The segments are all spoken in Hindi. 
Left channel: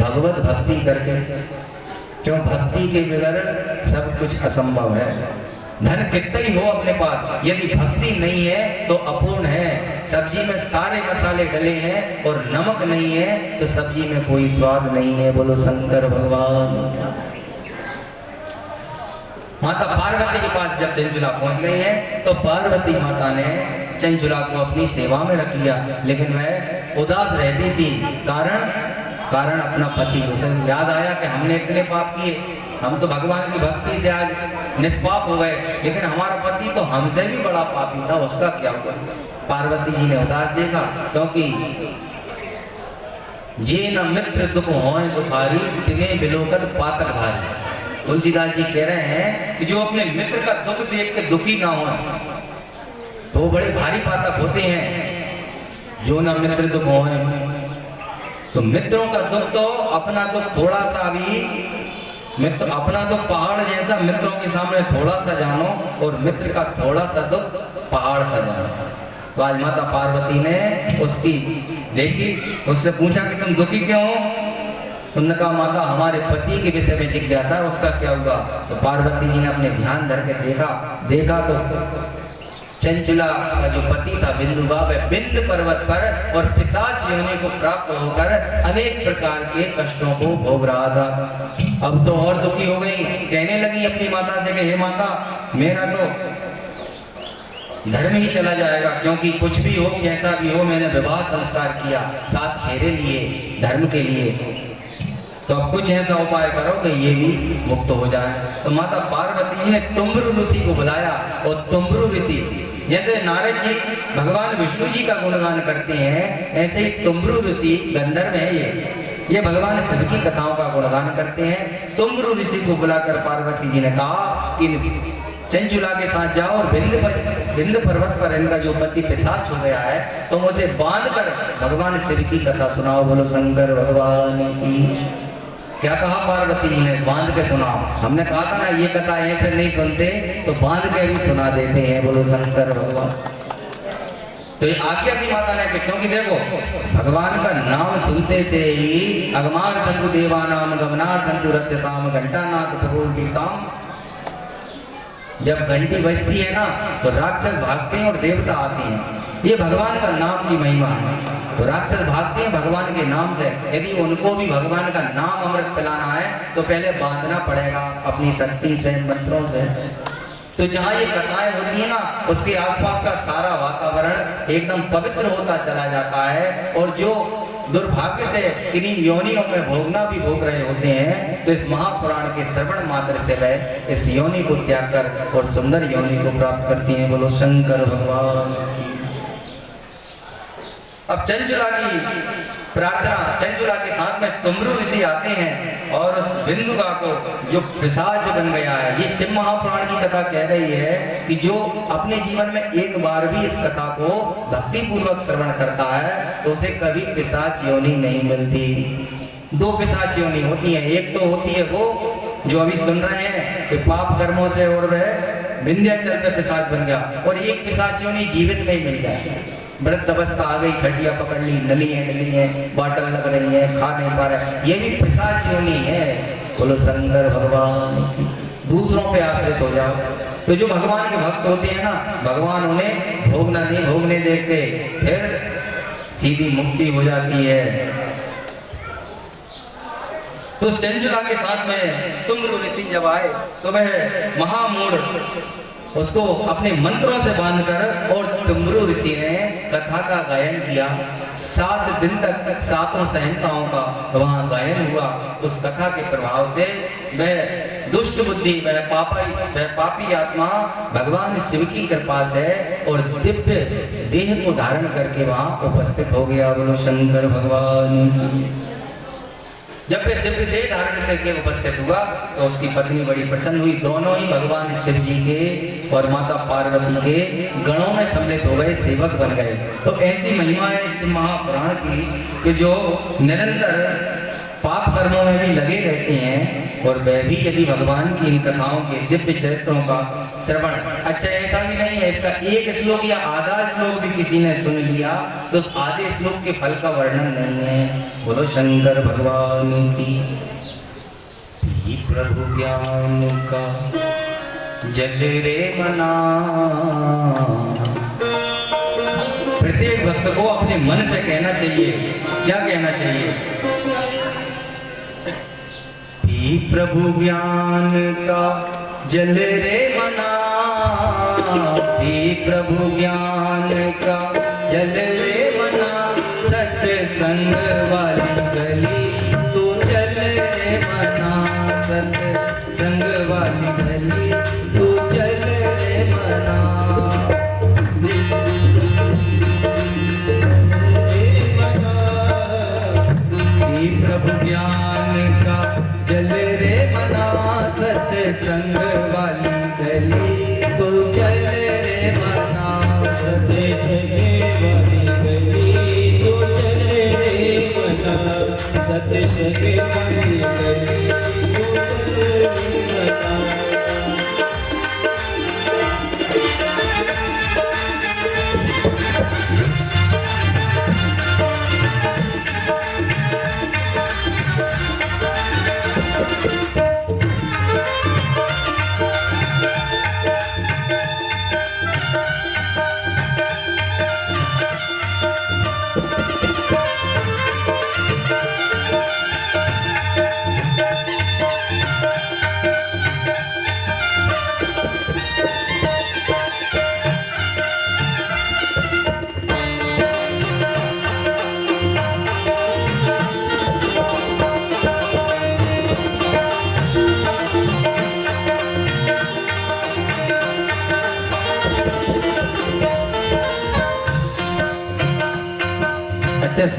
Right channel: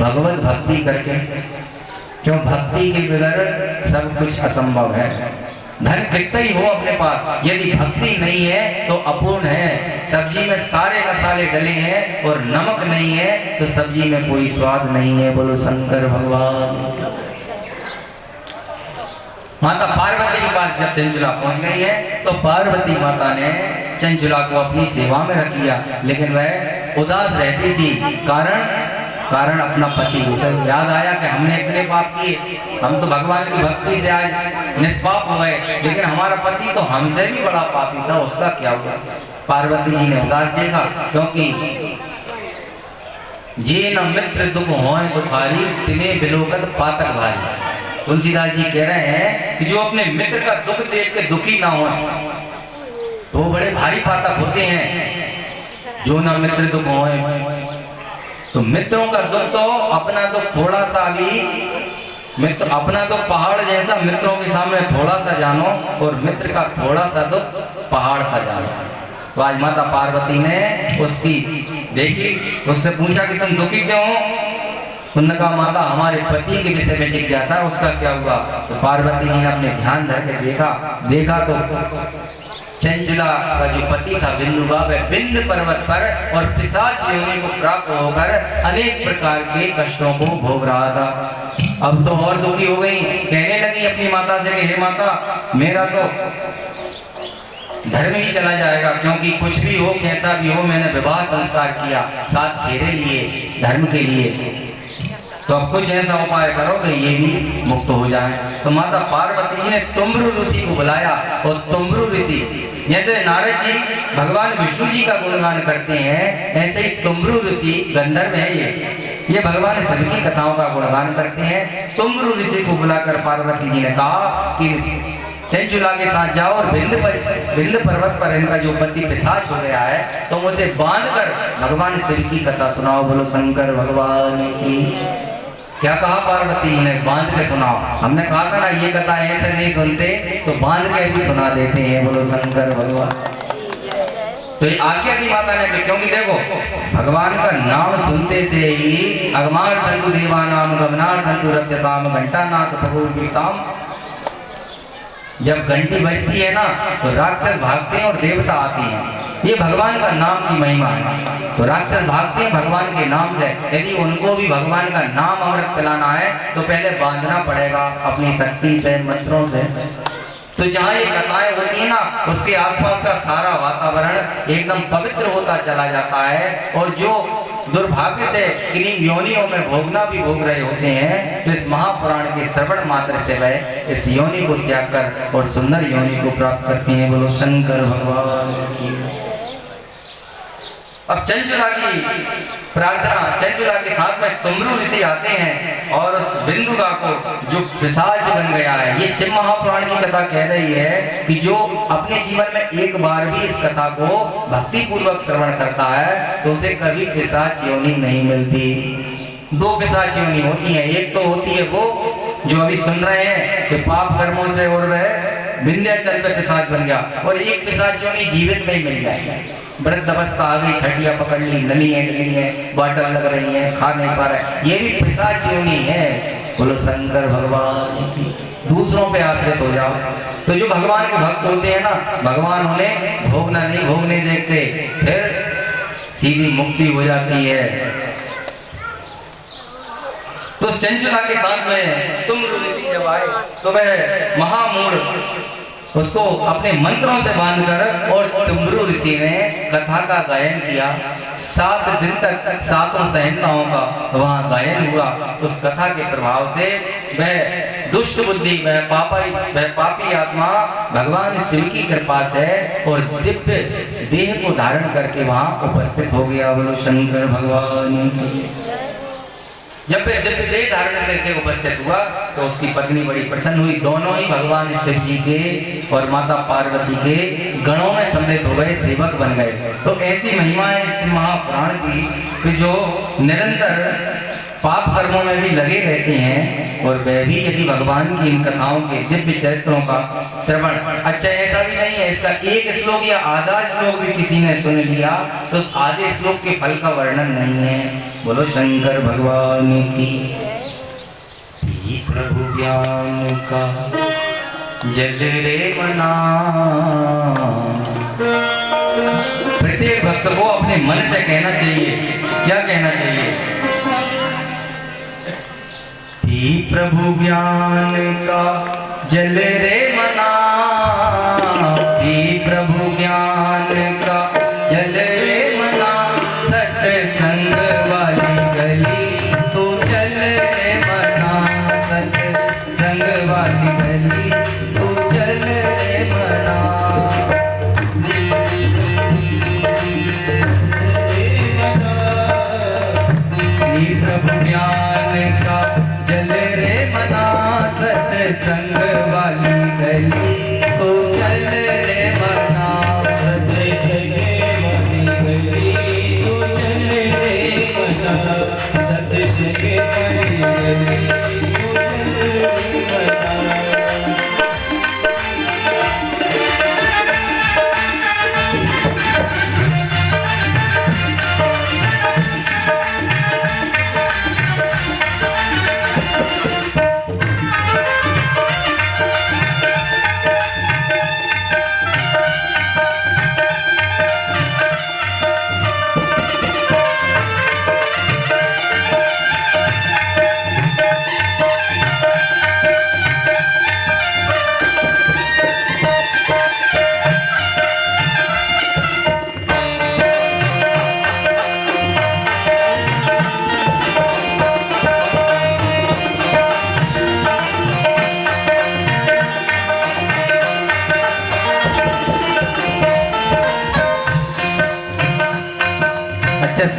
भगवत भक्ति करके। क्यों? भक्ति के बगैर सब कुछ असंभव है। धन कितना ही हो अपने पास, यदि भक्ति नहीं है तो अपूर्ण है। सब्जी में सारे मसाले डले हैं और नमक नहीं है तो सब्जी में कोई स्वाद नहीं है। बोलो शंकर भगवान। माता पार्वती के पास जब चंचुला पहुंच गई है तो पार्वती माता ने चंचुला को अपनी सेवा में रख लिया, लेकिन वह उदास रहती थी। कारण अपना पति। उसे याद आया कि हमने इतने पाप किए, हम तो भगवान की भक्ति से आज निष्पाप हो गए, लेकिन हमारा पति तो हमसे भी बड़ा पापी था, उसका क्या हुआ? पार्वती जी ने उदास देखा, क्योंकि जे न मित्र दुख होए दुखारी तिने बिलोकत पातक भारी। तुलसीदास जी कह रहे हैं कि जो अपने मित्र का दुख देख के दुखी ना हो तो वो बड़े भारी पातक होते हैं। जो न मित्र दुख होए, तो मित्रों का दुख तो अपना दुख थोड़ा सा भी, मित्र अपना दुख पहाड़ जैसा, मित्रों के सामने थोड़ा सा जानो, और मित्र का थोड़ा सा दुख पहाड़ सा जानो। तो आज माता पार्वती ने उसकी देखी, उससे पूछा कि तुम दुखी क्यों हो? उन्होंने कहा माता हमारे पति के विषय में जिज्ञासा, उसका क्या हुआ? तो पार्वती जी ने अपने ध्यान धर के देखा तो चंचुला का जो पति था बिंदुवा, वह बिंद पर्वत पर और पिशाच योनि को प्राप्त होकर अनेक प्रकार के कष्टों को भोग रहा था। अब तो और दुखी हो गई, कहने लगी अपनी माता से कि हे माता, मेरा तो धर्म ही चला जाएगा, क्योंकि कुछ भी हो कैसा भी हो मैंने विवाह संस्कार किया, 7 फेरे लिए धर्म के लिए, तो अब कुछ ऐसा उपाय करो कि ये भी मुक्त हो जाए। तो माता पार्वती जी ने तुम्ब्रु ऋषि को बुलाया, और तुम्ब्रु ऋषि जैसे नारद जी भगवान विष्णु जी का गुणगान करते हैं, ऐसे ही तुम्ब्रु ऋषि गंधर्व है, ये भगवान शिव की कथाओं का गुणगान करते हैं। तुम्ब्रु ऋषि को बुलाकर पार्वती जी ने कहा कि चंचुला के साथ जाओ और बिंद पर्वत पर इनका जो पति पिशाच हो गया है, तुम उसे बांधकर भगवान शिव की कथा सुनाओ। बोलो शंकर भगवान की। क्या कहा पार्वती जी ने? बांध के सुनाओ। हमने कहा था ना ये कथा ऐसे नहीं सुनते, तो बांध के भी सुना देते हैं। बोलो शंकर भगवान। तो ये आज्ञा दी माता ने, क्योंकि देखो भगवान का नाम सुनते से ही अगमार धंतु देवानाम गमनार धंतु रक्षसाम घंटानाथ भगवतीताम, जब घंटी बजती है ना तो राक्षस भागते हैं और देवता आते हैं। ये भगवान का नाम की महिमा है। तो राक्षस भागते हैं भगवान के नाम से। यदि उनको भी भगवान का नाम अमृत पिलाना है तो पहले बांधना पड़ेगा अपनी शक्ति से, मंत्रों से। तो जहाँ ये कथाएं होती है ना, उसके आसपास का सारा वातावरण एकदम पवित्र होता चला जाता है। और जो दुर्भाग्य से किन्हीं योनियों में भोगना भी भोग रहे होते हैं, तो इस महापुराण के श्रवण मात्र से वह इस योनि को त्याग कर और सुंदर योनि को प्राप्त करते हैं। बोलो शंकर भगवान की। अब चंचुला की प्रार्थना, चंचुला के साथ में तुम्ब्रु ऋषि आते हैं और उस बिंदुगा को जो पिशाच बन गया है, ये शिव महापुराण की कथा कह रही है कि जो अपने जीवन में एक बार भी इस कथा को भक्ति पूर्वक श्रवण करता है तो उसे कभी पिशाच योनि नहीं मिलती। 2 पिशाच योनि होती हैं। एक तो होती है वो जो अभी सुन रहे हैं कि पाप कर्मों से और वह विंध्याचल पे पिशाच बन गया, और एक पिशाच योनि जीवित में ही मिल जाएगी। वृद्ध अवस्था आ गई, खटिया पकड़ ली, नली है, बॉटल लग रही है, खा नहीं पा रहा, ये भी पिशाच योनि है। बोलो शंकर भगवान की। दूसरों पे आश्रित हो जाओ। तो जो भगवान के भक्त होते हैं ना, भगवान उन्हें भोगने देखते, फिर सीधी मुक्ति हो जाती है। तो चंचुला के साथ में तुम्ब्रु ऋषि जब आए तो वह महामूढ़ उसको अपने मंत्रों से बांधकर, और तुम्ब्रु ऋषि ने कथा का गायन किया। 7 दिन तक 7 संहिताओं का वहाँ गायन हुआ। उस कथा के प्रभाव से वह दुष्ट बुद्धि, वह पापी आत्मा भगवान शिव की कृपा से और दिव्य देह को धारण करके वहाँ उपस्थित हो गया। बोलो शंकर भगवान की। जब वे दिव्य देह धारण करके उपस्थित हुआ तो उसकी पत्नी बड़ी प्रसन्न हुई। दोनों ही भगवान शिव जी के और माता पार्वती के गणों में सम्मिलित हो गए, सेवक बन गए। तो ऐसी महिमा है इस महापुराण की कि जो निरंतर पाप कर्मों में भी लगे रहते हैं और वह भी यदि भगवान की इन कथाओं के दिव्य चरित्रों का श्रवण, अच्छा ऐसा भी नहीं है इसका एक श्लोक या आधा श्लोक भी किसी ने सुन लिया तो उस आधे श्लोक के फल का वर्णन नहीं है। बोलो शंकर भगवान की। प्रभु ज्ञान का जल रे मना, प्रत्येक भक्त को अपने मन से कहना चाहिए। क्या कहना चाहिए? ही प्रभु ज्ञान का जल रे मना, ही प्रभु ज्ञान का जल रे मना, सत्संग वाली गली तो चल रे मना, सत्संग वाली गली तो चल रे मना। प्रभु ज्ञान का जल रे मना, सत्संग वाली गली तो चल रे मना, सत्संग वाली गली तो चल रे मना, सत्संग वाली गली तो चल रे मना।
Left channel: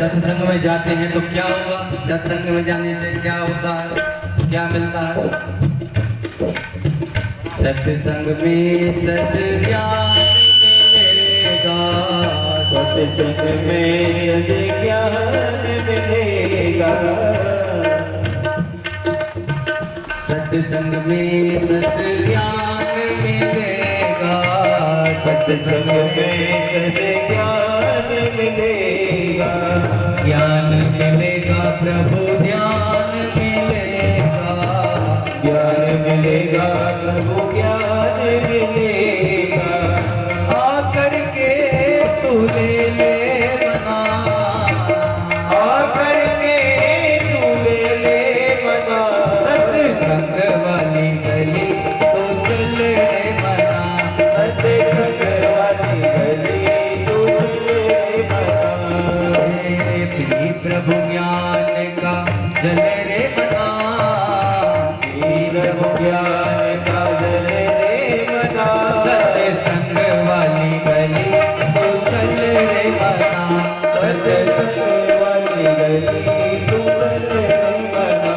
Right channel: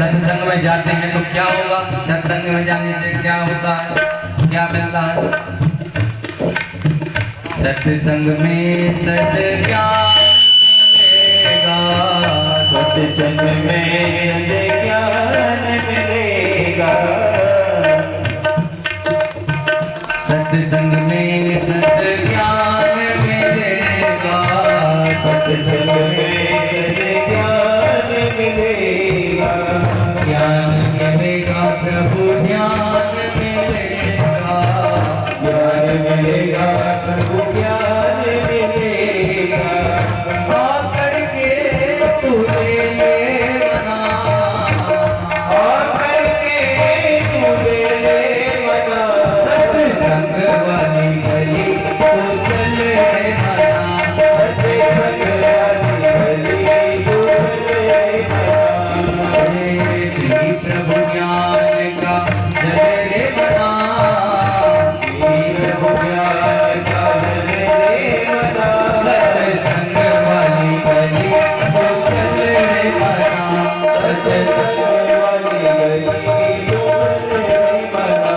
सत्संग में जाते हैं तो क्या होगा? सत्संग में जाने से क्या होता है, क्या मिलता है? सत्संग में सद्ज्ञान मिलेगा, सत्संग में सद्ज्ञान मिलेगा, सत्संग में सद्ज्ञान मिलेगा, सत्संग में सद्ज्ञान मिलेगा, ज्ञान मिलेगा प्रभु ज्ञान मिलेगा, ज्ञान मिलेगा प्रभु ज्ञान मिलेगा, आकर के तू ले ले मना, आकर के तू ले ले मना, सत्संग वाली गली तो चल रे मना, सत्संग वाली गली तो चल रे मना। प्रभु ज्ञान का जल रे मना, प्रभु ज्ञान का जल रे मना, सत्संग वाली गली तो चल रे मना, सत्संग वाली गली तो चल रे मना।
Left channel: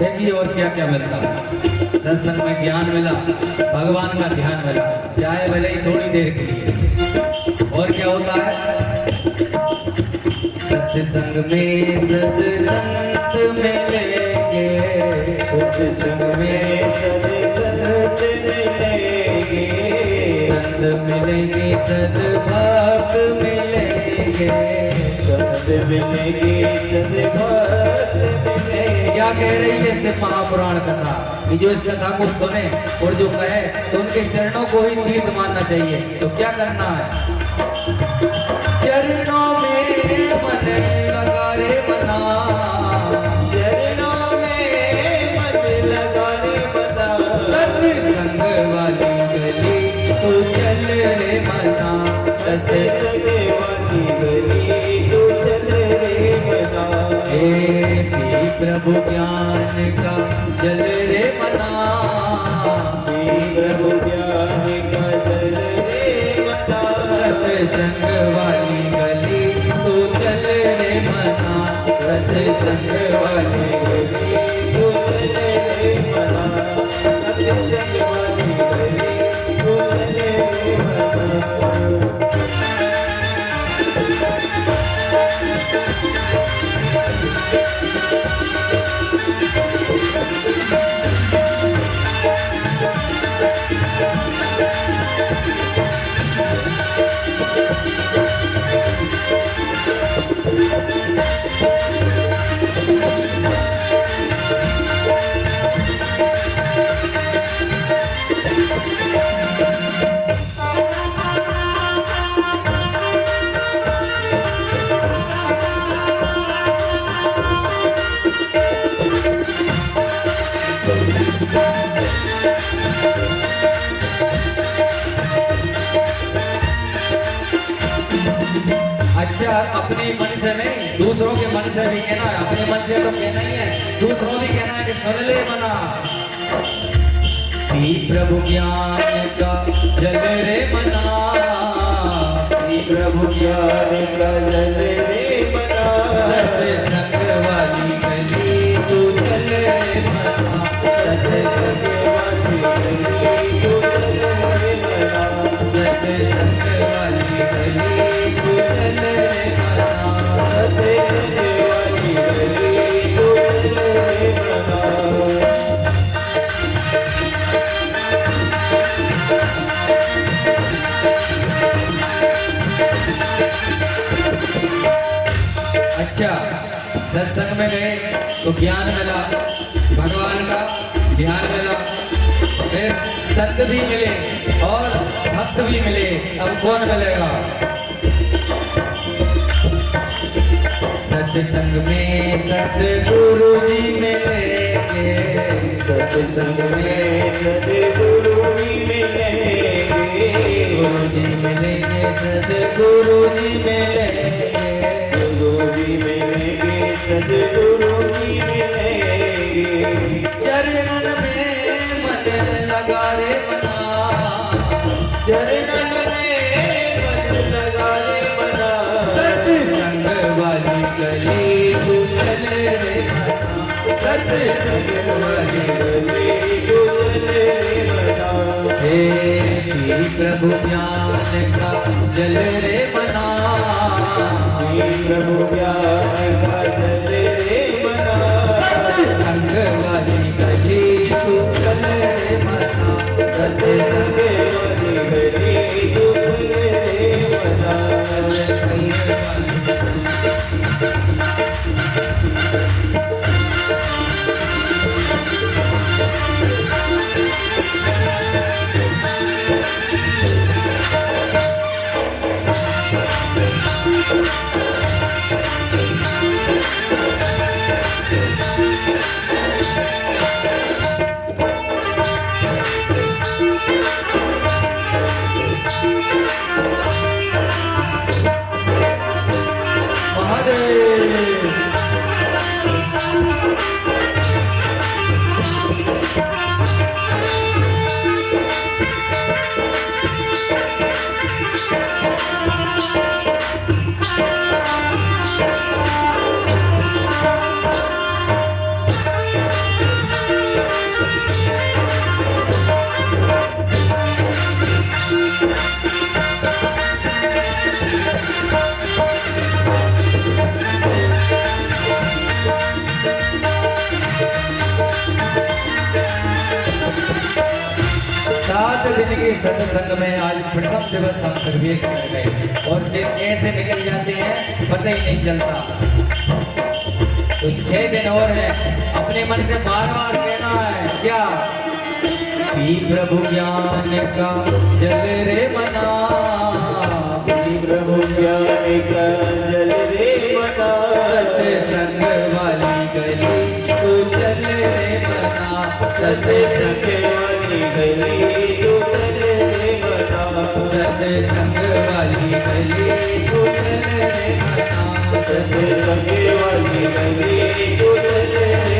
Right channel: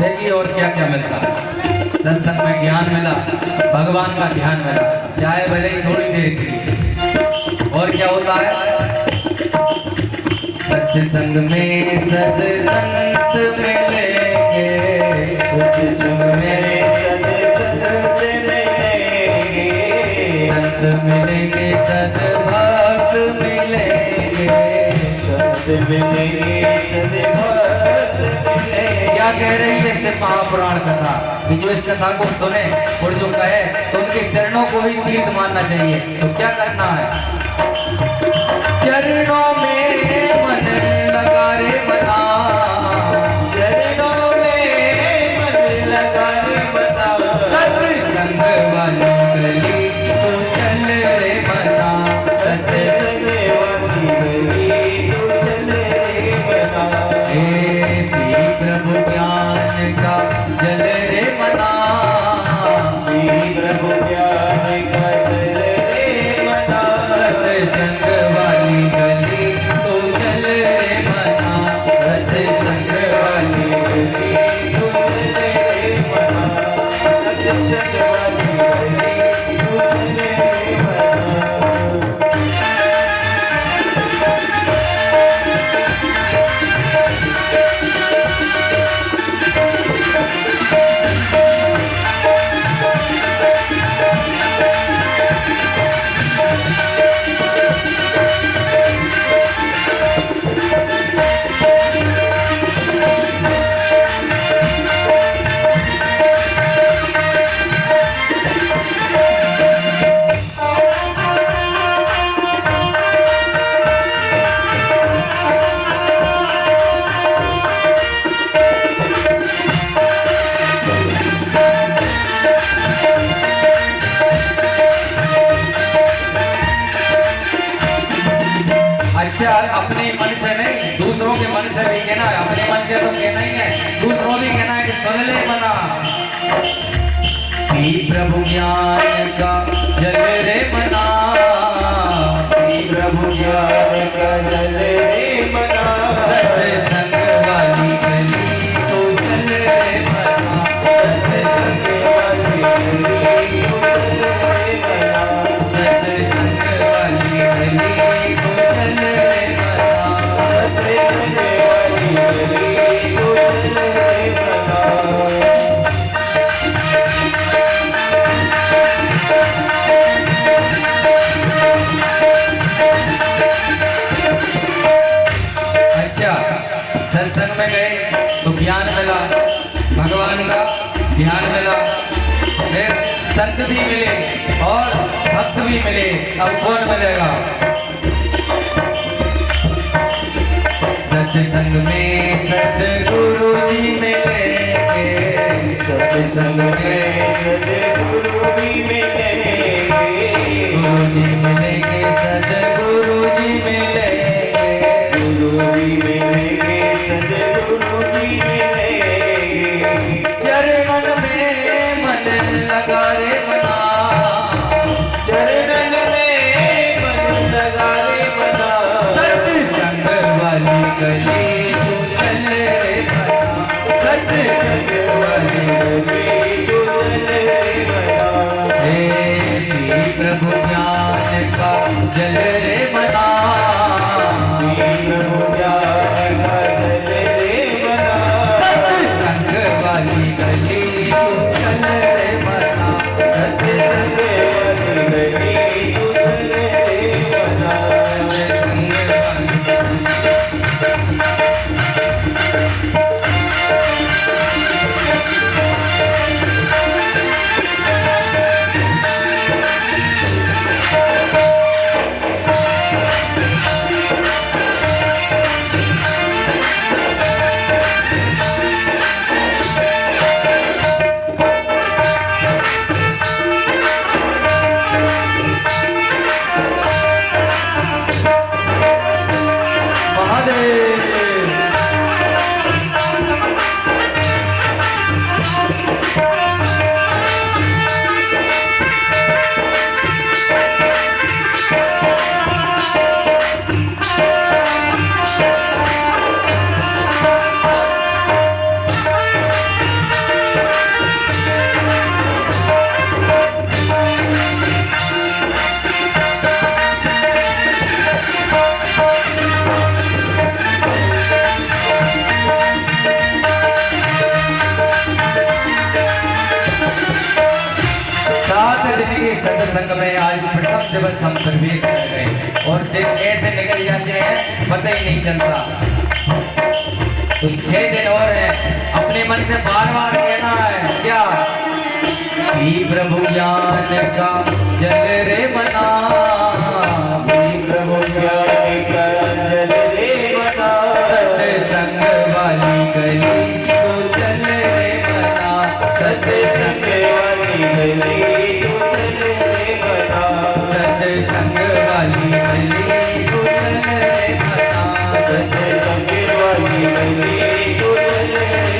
देखिए और क्या क्या मिलता है। सत्संग में ज्ञान मिला, भगवान का ध्यान मिला, चाहे भले ही थोड़ी देर के लिए। और क्या होता है? सत्संग में सद संत मिलेंगे, सत्संग में सद संत मिलेंगे, संत मिलेंगे, सद भक्त मिलेंगे, संत मिलेंगे, सद भक्त मिलेंगे। क्या कह रही है इससे महापुराण कथा कि जो इस कथा को सुने और जो कहे तो उनके चरणों को ही तीर्थ मानना चाहिए। तो क्या करना है? चरणों प्रभु ज्ञान का जल रे मना, प्रभु ज्ञान का जल रे मना, सत्संग वाली गली तो चल रे मना, सत्संग वाली गली तू चले रे मना, सत्संग वाली गली तू चले रे मना। अच्छा, अपने मन से नहीं दूसरों के मन से भी कहना है, अपने मन से तो कहना ही है, दूसरों भी कहना है कि सुन ले मना। पी प्रभु ज्ञान का जल रे मना, प्रभु ज्ञान का जल रे मना, सत्संग वाली गली तो चल रे मना, सत्संग वाली गली तू चले रे मना, सत्संग वाली गली तो चल रे मना। सत्संग वाली गली तू चले रे मना। अच्छा, सत्संग में गए तो ज्ञान मिला, भगवान का ध्यान मिला, फिर संत भी मिले और भक्त भी मिले। अब कौन मिलेगा? सत्संग में सतगुरु जी मिलेंगे, सत्संग में सद्गुरु भी मिलेंगे, गुरु जी मिलेंगे, सतगुरु जी मिलेंगे, गुरु भी मिलेंगे, सद्गुरु भी मिलेंगे। चरणन में मन लगा रे मना, चरणन में मन लगा रे मना, सत्संग वाली गली तू चल रे मना, सत्संग वाली गली तू चले रे मना। हे श्री प्रभु ज्ञान का जल रे मना, प्रभु ज्ञान का जल रे मना, सत्संग वाली गली तू चल रे मना, सत्संग वाली गली तू चले रे मना। सत्संग में आज प्रथम दिवस हम प्रवेश कर गए और दिन कैसे निकल जाते हैं पता ही नहीं चलता। तो 6 दिन और हैं, अपने मन से बार बार कहना है क्या कि प्रभु ज्ञान का जल रे मना, प्रभु ज्ञान का जल रे मना, सत्संग वाली गली तो चल रे मना, सत्संग वाली गली तू चले रे मना, सत्संग वाली गली तो चल रे मना, सत्संग वाली गली तू चले रे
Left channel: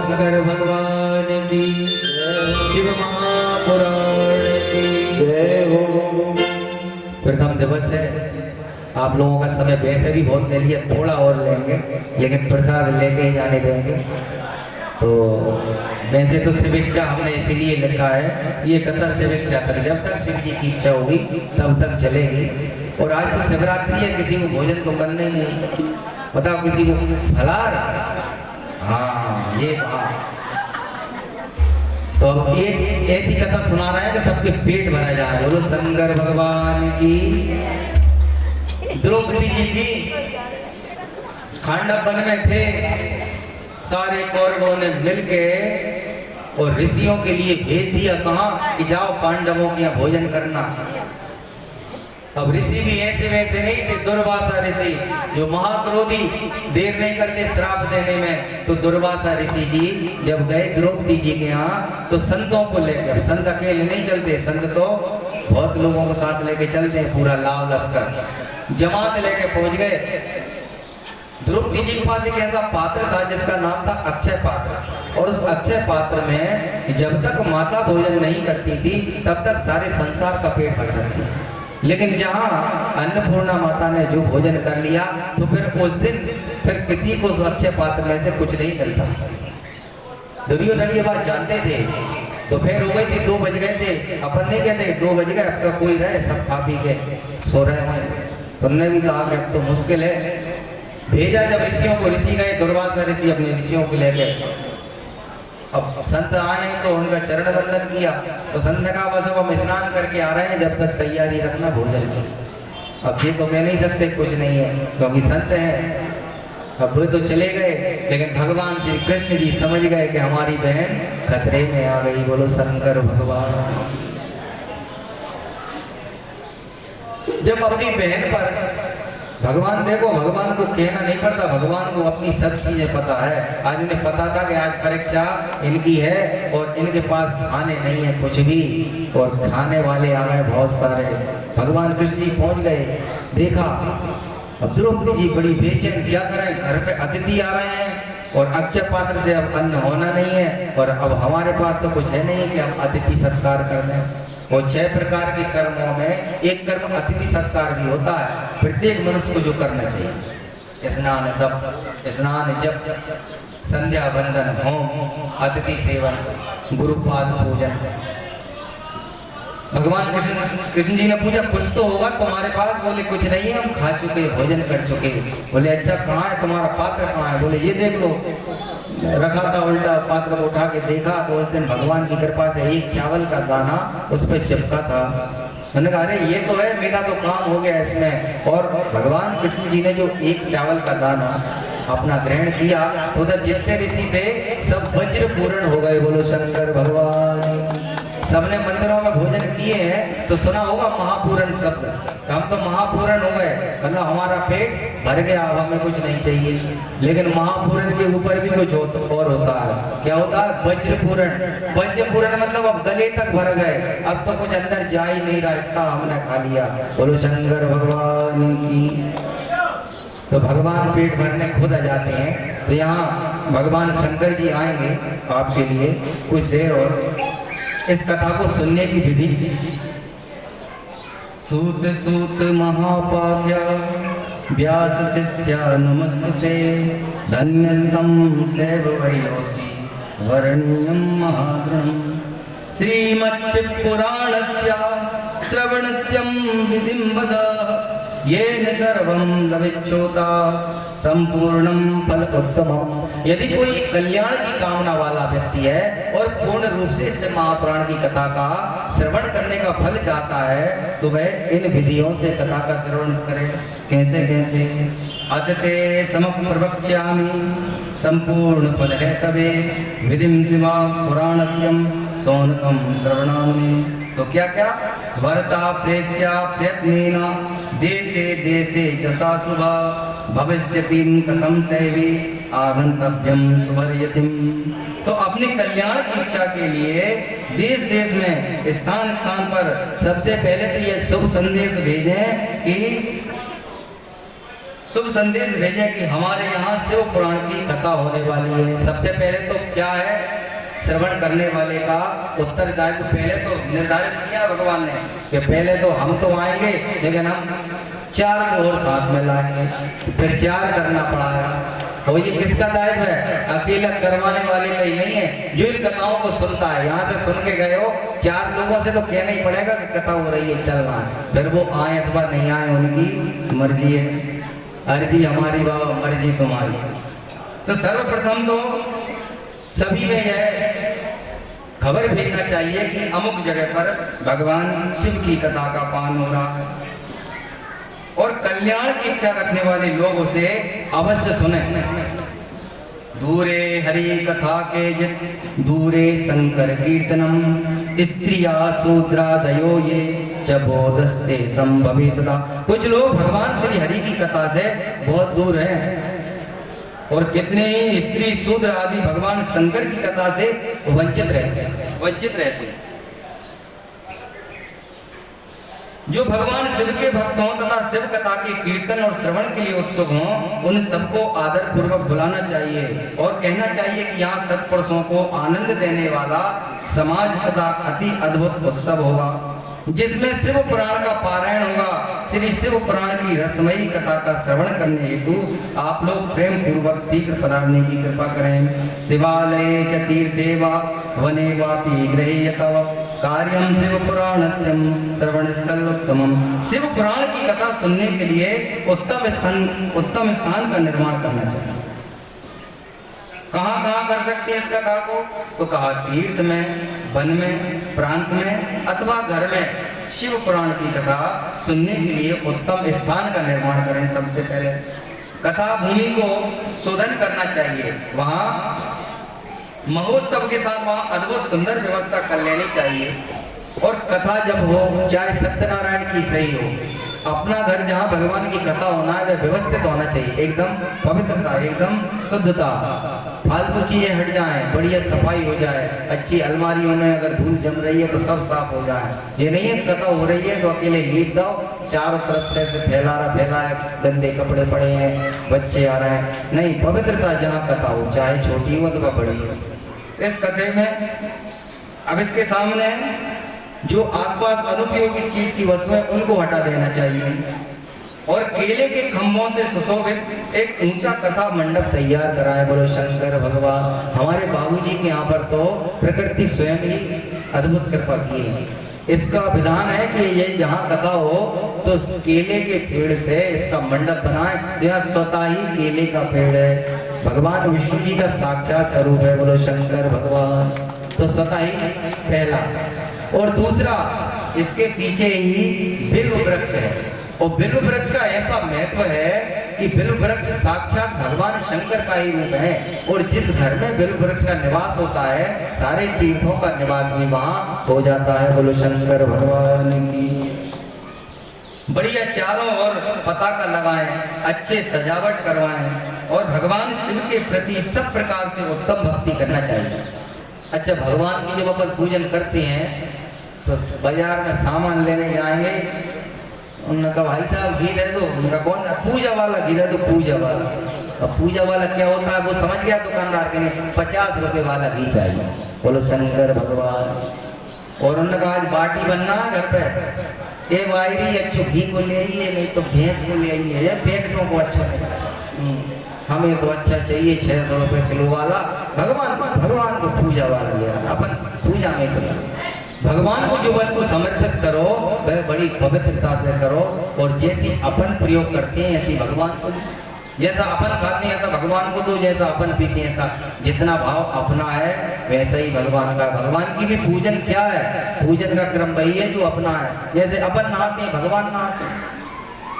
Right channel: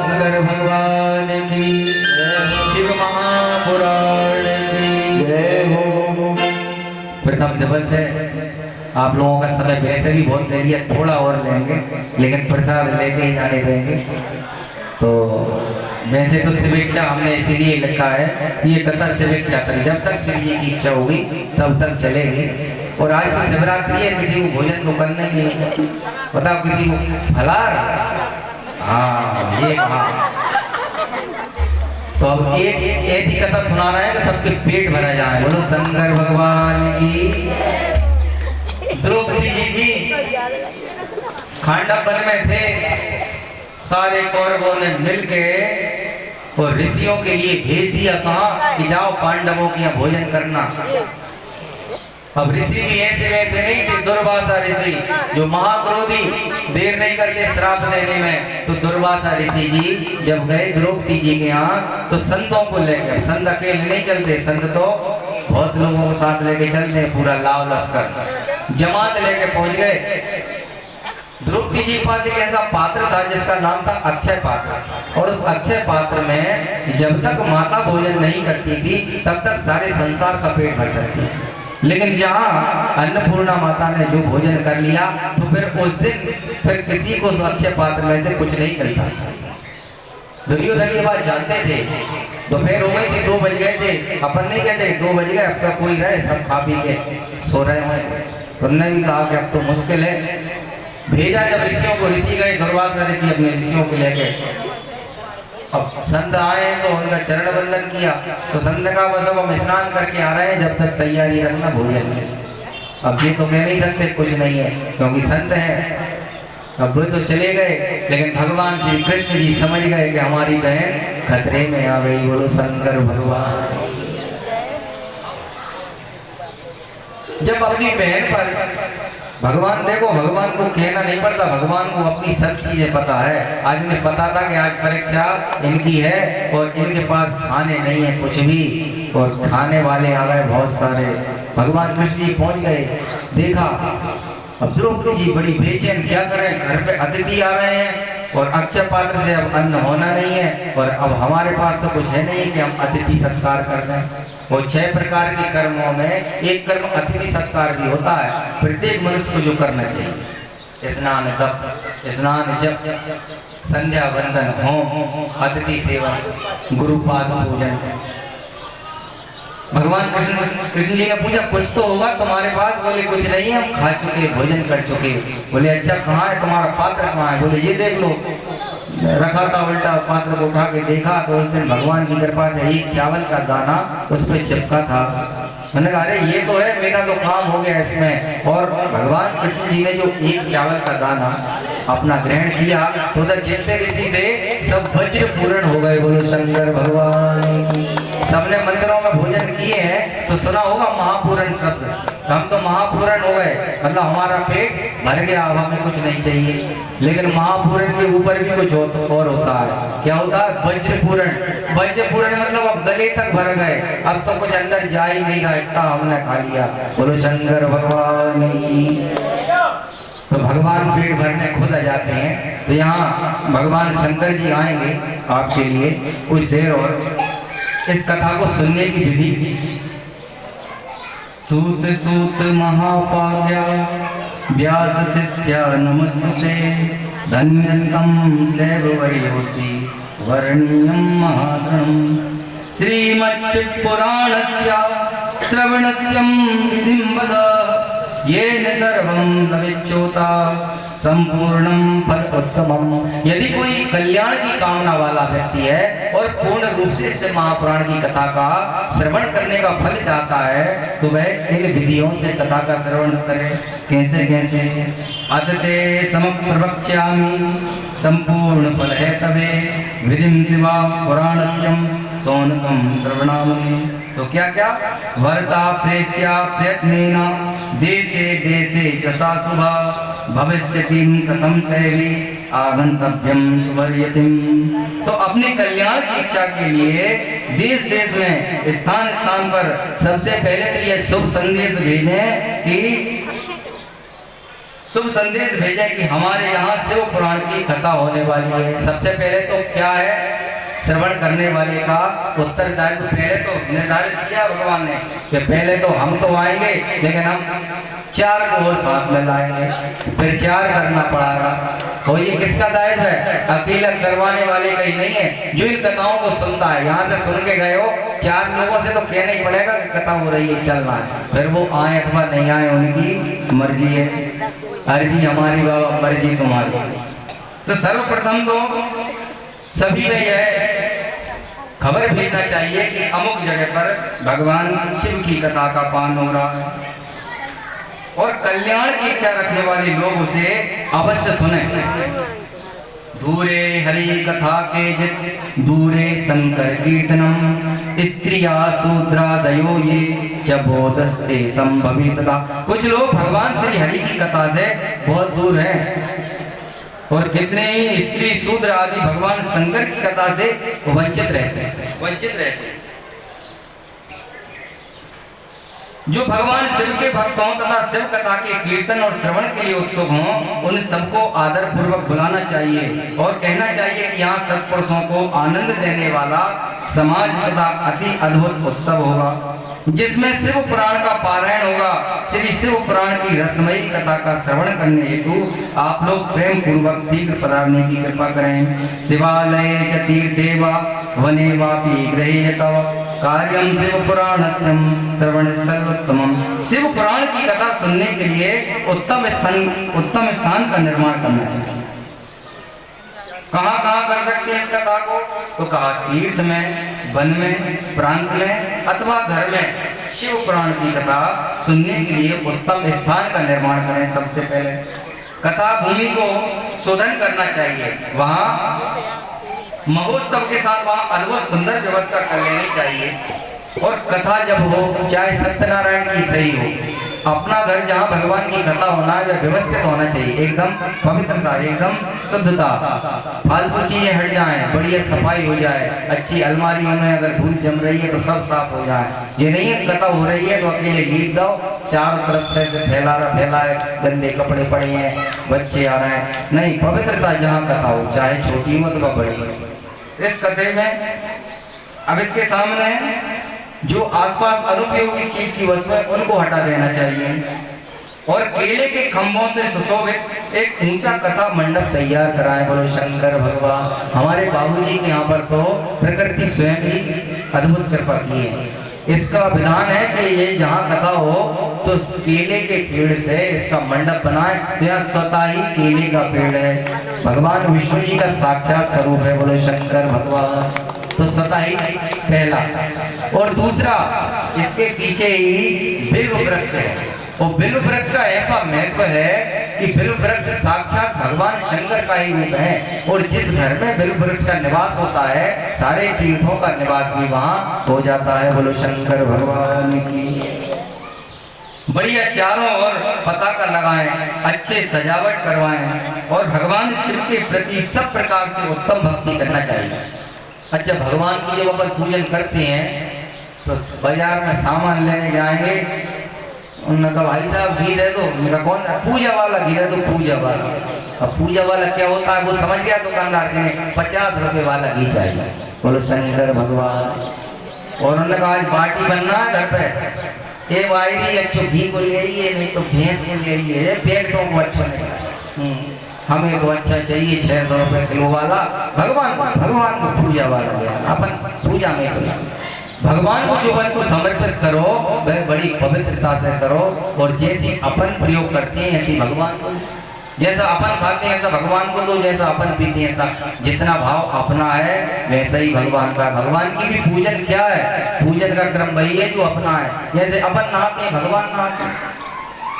शंकर भगवान की, शिव महापुराण की जय हो। प्रथम दिवस है, आप लोगों का समय वैसे भी बहुत ले लिया, थोड़ा और लेंगे लेकिन प्रसाद लेके ही जाने देंगे। तो वैसे तो शिविक्षा हमने इसीलिए लिखा है, ये कथा शिविक्षा कर, जब तक शिव जी की इच्छा होगी तब तक चलेगी। और आज तो शिवरात्रि है, किसी को भोजन तो करना ही नहीं, बताओ किसी को फलाहार, हाँ ये कहा। तो अब एक ऐसी कथा सुना रहा है कि सबके पेट भरा जाए। बोलो शंकर भगवान की। द्रौपदी जी की खांडव वन में थे, सारे कौरवों ने मिलके और ऋषियों के लिए भेज दिया, कहा कि जाओ पांडवों के यहाँ भोजन करना। अब ऋषि भी ऐसे वैसे नहीं थे, दुर्वासा ऋषि जो महाक्रोधी, देर नहीं करते श्राप देने में। तो दुर्वासा ऋषि जी जब गए द्रौपदी जी के यहाँ तो संतों को लेकर, संत अकेले नहीं चलते, संत तो बहुत लोगों को साथ लेके चलते हैं, पूरा लाव लश्कर जमात लेके पहुंच गए। द्रौपदी जी के पास एक ऐसा पात्र था जिसका नाम था अक्षय पात्र, और उस अक्षय पात्र में जब तक माता भोजन नहीं करती थी तब तक सारे संसार का पेट भर सकती थी। लेकिन जहाँ अन्नपूर्णा माता ने जो भोजन कर लिया तो फिर उस दिन फिर किसी को उस अक्षय पात्र में से कुछ नहीं मिलता। दुर्योधन ये बात जानते थे। दोपहर हो गई थी, 2 बज गए थे, अपन नहीं कहते 2 बज गए अब तक कोई रहे, सब खा पी के सो रहे हुए। तो उन्होंने भी कहा कि अब तो मुश्किल है। भेजा जब ऋषियों को, ऋषि गए, दुर्वासा ऋषि अपने ऋषियों को ले गए। अब संत आए तो उनका चरण वंदन किया, तो संत का बस अब हम स्नान करके आ रहे हैं, जब तक तैयारी रखना भोजन की। अब ये तो कह नहीं सकते कुछ नहीं है क्योंकि संत है। अब वो तो चले गए, लेकिन भगवान श्री कृष्ण जी समझ गए कि हमारी बहन खतरे में आ गई। बोलो शंकर भगवान। जब अपनी बहन पर भगवान, देखो भगवान को कहना नहीं पड़ता, भगवान को अपनी सब चीजें पता है। आज इन्हें पता था कि आज परीक्षा इनकी है और इनके पास खाने नहीं है कुछ भी, और खाने वाले आ गए बहुत सारे। भगवान कृष्ण जी पहुंच गए, देखा अब द्रौपदी जी बड़ी बेचैन, क्या करें, घर पे अतिथि आ रहे हैं और अक्षय पात्र से अब अन्न होना नहीं है, और अब हमारे पास तो कुछ है नहीं कि हम अतिथि सत्कार कर दें। और 6 प्रकार के कर्मों में एक कर्म अतिथि सत्कार भी होता है, प्रत्येक मनुष्य को जो करना चाहिए। स्नान तप, स्नान जप, संध्या वंदन, होम, अतिथि सेवन, गुरुपाद पूजन। भगवान कृष्ण जी ने पूछा कुछ तो होगा तुम्हारे पास? बोले कुछ नहीं है, हम खा चुके, भोजन कर चुके। बोले अच्छा कहाँ है तुम्हारा पात्र, कहाँ है? बोले ये देख लो। रखा था उल्टा, पात्र को उठा के देखा तो उस दिन भगवान की कृपा से एक चावल का दाना उस पर चिपका था। मैंने कहा अरे ये तो है, मेरा तो काम हो गया इसमें। और भगवान कृष्ण जी ने जो एक चावल का दाना अपना ग्रहण किया तो उधर जितने ऋषि थे सब वज्र पूर्ण हो गए। बोलो शंकर भगवान। सबने मंदिरों में भोजन किए हैं तो सुना होगा महापूरण शब्द, हम तो महापूरण हो गए, मतलब हमारा पेट भर गया, अब हमें कुछ नहीं चाहिए। लेकिन महापूरण के ऊपर भी कुछ और होता है। क्या होता है? वज्रपूरण। वज्रपूरण मतलब अब गले तक भर गए, अब तो कुछ अंदर जा ही नहीं रहा, इतना हमने खा लिया। बोलो शंकर भगवान की। तो भगवान पेट भरने खुद आ जाते हैं। तो यहाँ भगवान शंकर जी आएंगे आपके लिए कुछ देर और। इस कथा को सुनने की विधि। सूत सूत महापाज्ञा व्यास शिष्या नमस्तुते, धन्यस्तं सेव वैहोसी वर्णीयं महात्मम्। श्रीमच्च पुराणस्य श्रवणस्य विधिं वद, येन सर्वं लभेच्छोता संपूर्णं फल उत्तमम्। यदि कोई कल्याण की कामना वाला व्यक्ति है और पूर्ण रूप से इस महापुराण की कथा का श्रवण करने का फल चाहता है तो वह इन विधियों से कथा का श्रवण करे। कैसे कैसे? अदते समप प्रवक्ष्यामि संपूर्ण फल है तवे, विधिं शिवा पुराणस्यं सौनकं श्रवणामि। तो क्या क्या? वरदा प्रेस्या प्रयत्नेन देशे देशे जसा शुभा, भविष्यतिं कथं सेवी आगंतव्यं सुवर्यतिं। तो अपने कल्याण की इच्छा के लिए देश देश में स्थान स्थान पर सबसे पहले तो ये शुभ संदेश भेजें कि शुभ संदेश भेजे कि हमारे यहाँ शिव पुराण की कथा होने वाली है। सबसे पहले तो क्या है, श्रवण करने वाले का उत्तरदायित्व पहले तो निर्धारित किया भगवान ने कि पहले तो हम तो आएंगे, लेकिन हम 4 को और साथ में लाएंगे, फिर 4 करना पड़ेगा। और ये किसका दायित्व है? अकेला करवाने वाले का ही नहीं है, जो इन कथाओं को सुनता है। यहाँ से सुन के गए हो, 4 लोगों से तो कहना ही पड़ेगा कि कथा हो रही है, चलना है। फिर वो आए अथवा नहीं आए, उनकी मर्जी है। अर्जी हमारी बाबा, मर्जी तुम्हारी। तो सर्वप्रथम तो सभी में यह खबर भेजना चाहिए कि अमुक जगह पर भगवान शिव की कथा का पान हो रहा है, और कल्याण की इच्छा रखने वाले लोग उसे अवश्य सुने। दूरे हरि कथा के जित दूरे शंकर कीर्तनम स्त्रिया शूद्रादयो ये चबोदस्ते संभवितता। कुछ लोग भगवान श्री हरि की कथा से बहुत दूर हैं, और कितने ही स्त्री शूद्र आदि भगवान शंकर की कथा से वंचित रहते हैं। जो भगवान शिव के भक्त हों तथा शिव कथा के कीर्तन और श्रवण के लिए उत्सुक हों, उन सबको आदर पूर्वक बुलाना चाहिए और कहना चाहिए कि यहाँ सत्पुरुषों को आनंद देने वाला समाज तथा अति अद्भुत उत्सव होगा, जिसमें शिव पुराण का पारायण होगा। श्री शिव पुराण की रसमयी कथा का श्रवण करने हेतु आप लोग प्रेम पूर्वक शीघ्र पधारने की कृपा करें। शिवालये च तीर्थे वा वने वापि गृहे तव कार्यम शिव पुराणस्य श्रवण स्थल उत्तमम। शिव पुराण की कथा सुनने के लिए उत्तम स्थान का निर्माण करना चाहिए। कहाँ कर सकते हैं इस कथा को? तो कहा तीर्थ में, वन में, प्रांत में अथवा घर में शिव पुराण की कथा सुनने के लिए उत्तम स्थान का निर्माण करें। सबसे पहले कथा भूमि को शोधन करना चाहिए, वहाँ महोत्सव के साथ वहाँ अद्भुत सुंदर व्यवस्था कर लेनी चाहिए। और कथा जब हो, चाहे सत्यनारायण की सही हो, अपना घर जहाँ भगवान की कथा होना है वह व्यवस्थित होना चाहिए, एकदम पवित्रता, एकदम शुद्धता, फालतू चीजें हट जाएं, बढ़िया सफाई हो जाए, अच्छी अलमारियों में अगर धूल जम रही है तो सब साफ हो जाए। ये नहीं है कथा हो रही है तो अकेले लीप दो, चारों तरफ से फैला है, गंदे कपड़े पड़े हैं, बच्चे आ रहे हैं, नहीं, पवित्रता जहाँ कथा हो, चाहे छोटी हो अथवा बड़ी हो। इस कथे में अब इसके सामने जो आसपास अनुपयोगी चीज की वस्तुएं उनको हटा देना चाहिए, और केले के खंभों से सुशोभित एक ऊंचा कथा मंडप तैयार कराएं। बोलो शंकर भगवान। हमारे बाबूजी के यहाँ पर तो प्रकृति स्वयं ही अद्भुत कृपा की है। इसका विधान है कि ये जहाँ कथा हो तो केले के पेड़ से इसका मंडप बनाए। तो यहाँ स्वतः ही केले का पेड़ है, भगवान विष्णु जी का साक्षात स्वरूप है। बोलो शंकर भगवान। तो स्वतः ही पहला, और दूसरा इसके पीछे ही बिल्व वृक्ष है, और बिल्व वृक्ष का ऐसा महत्व है कि बिल्व वृक्ष साक्षात भगवान शंकर का ही रूप है, और जिस घर में बिल्व वृक्ष का निवास होता है सारे तीर्थों का निवास भी वहां हो जाता है। बोलो शंकर भगवान की। बढ़िया चारों ओर पताका लगाएं, अच्छे सजावट करवाएं, और भगवान शिव के प्रति सब प्रकार से उत्तम भक्ति करना चाहिए। अच्छा, भगवान की जब अपन पूजन करते हैं तो बाजार में सामान लेने जाएंगे, उन्होंने कहा भाई साहब घी दे दो, उनका कौन सा? पूजा वाला घी दे दो, पूजा वाला। अब पूजा वाला क्या होता है वो समझ गया दुकानदार के ने 50 रुपए वाला घी चाहिए। बोलो शंकर भगवान। और उन्होंने कहा आज बाटी बनना है घर पे, ये वायरी अच्छो घी को ले आइए, नहीं तो भैंस को ले आइए, पैकेटों को अच्छो नहीं, हमें तो अच्छा चाहिए 600 रुपए किलो वाला। भगवान को पूजा वाला लिया, अपन पूजा में तो भगवान को जो वस्तु समर्पित करो वह बड़ी पवित्रता से करो, और जैसी अपन प्रयोग करते हैं ऐसी भगवान को, जैसा अपन खाते हैं ऐसा भगवान को दो, जैसा अपन पीते हैं ऐसा, जितना भाव अपना है वैसा ही भगवान का। भगवान की भी पूजन क्या है? पूजन का क्रम वही है जो अपना है। जैसे अपन नहाते हैं, भगवान नहाते हैं,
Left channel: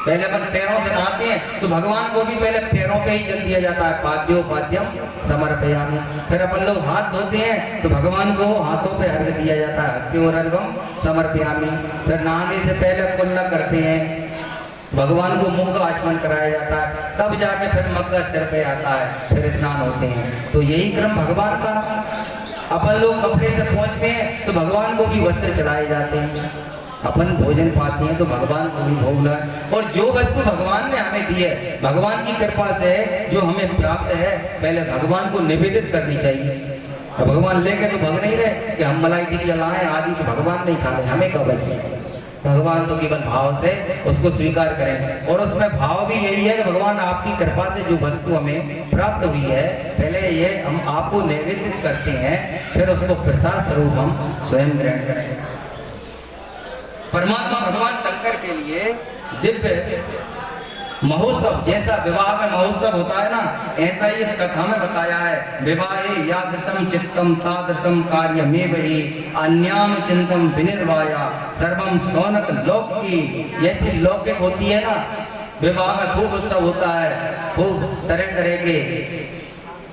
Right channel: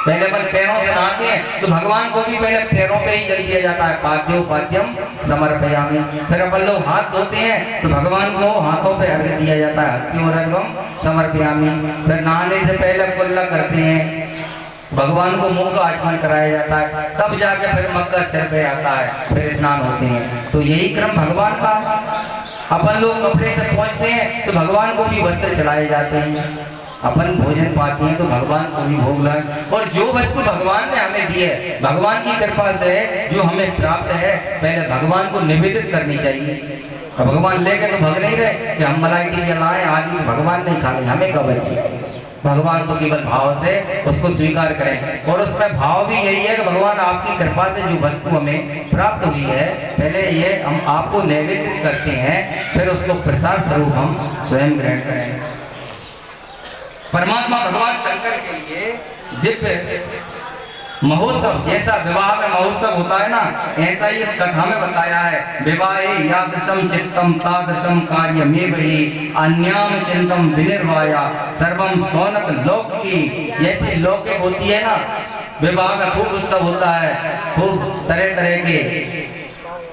पहले अपन पैरों से नहाते हैं तो भगवान को भी पहले पैरों पे ही जल दिया जाता है, पाद्योपाद्यम समर्पयामि। फिर अपन लोग हाथ धोते हैं तो भगवान को हाथों पे अर्घ्य दिया जाता है, हस्तियोरर्घ्यम समर्पयामि। फिर नहाने से पहले कुल्ला करते हैं, भगवान को मुख का आचमन कराया जाता है, तब जाके फिर मग्गा सिर पे आता है, फिर स्नान होते हैं। तो यही क्रम भगवान का। अपन लोग कपड़े से पहुँचते हैं तो भगवान को भी वस्त्र चढ़ाए जाते हैं, अपन भोजन पाते हैं तो भगवान को भी भोग लगाए, और जो वस्तु भगवान ने हमें दी है, भगवान की कृपा से जो हमें प्राप्त है, पहले भगवान को निवेदित करनी चाहिए। और भगवान लेके तो भग नहीं रहे कि हम मलाई टिकिया लाएं आदि, तो भगवान नहीं खा ले, हमें कब बचे। भगवान तो केवल भाव से उसको स्वीकार करें, और उसमें भाव भी यही है कि भगवान आपकी कृपा से जो वस्तु हमें प्राप्त हुई है, पहले ये हम आपको निवेदित करते हैं, फिर उसको प्रसाद स्वरूप हम स्वयं ग्रहण करें। परमात्मा भगवान शंकर के लिए दिव्य महोत्सव, जैसा विवाह में महोत्सव होता है ना, ऐसा ही इस कथा में बताया है। विवाहे यादृशम चित्तम तादृशम कार्यमेव हि अन्याम चिंतम विनिर्वाया सर्वम सौनक लौकिकी। जैसी लौकिक होती है ना, विवाह में खूब उत्सव होता है, खूब तरह तरह के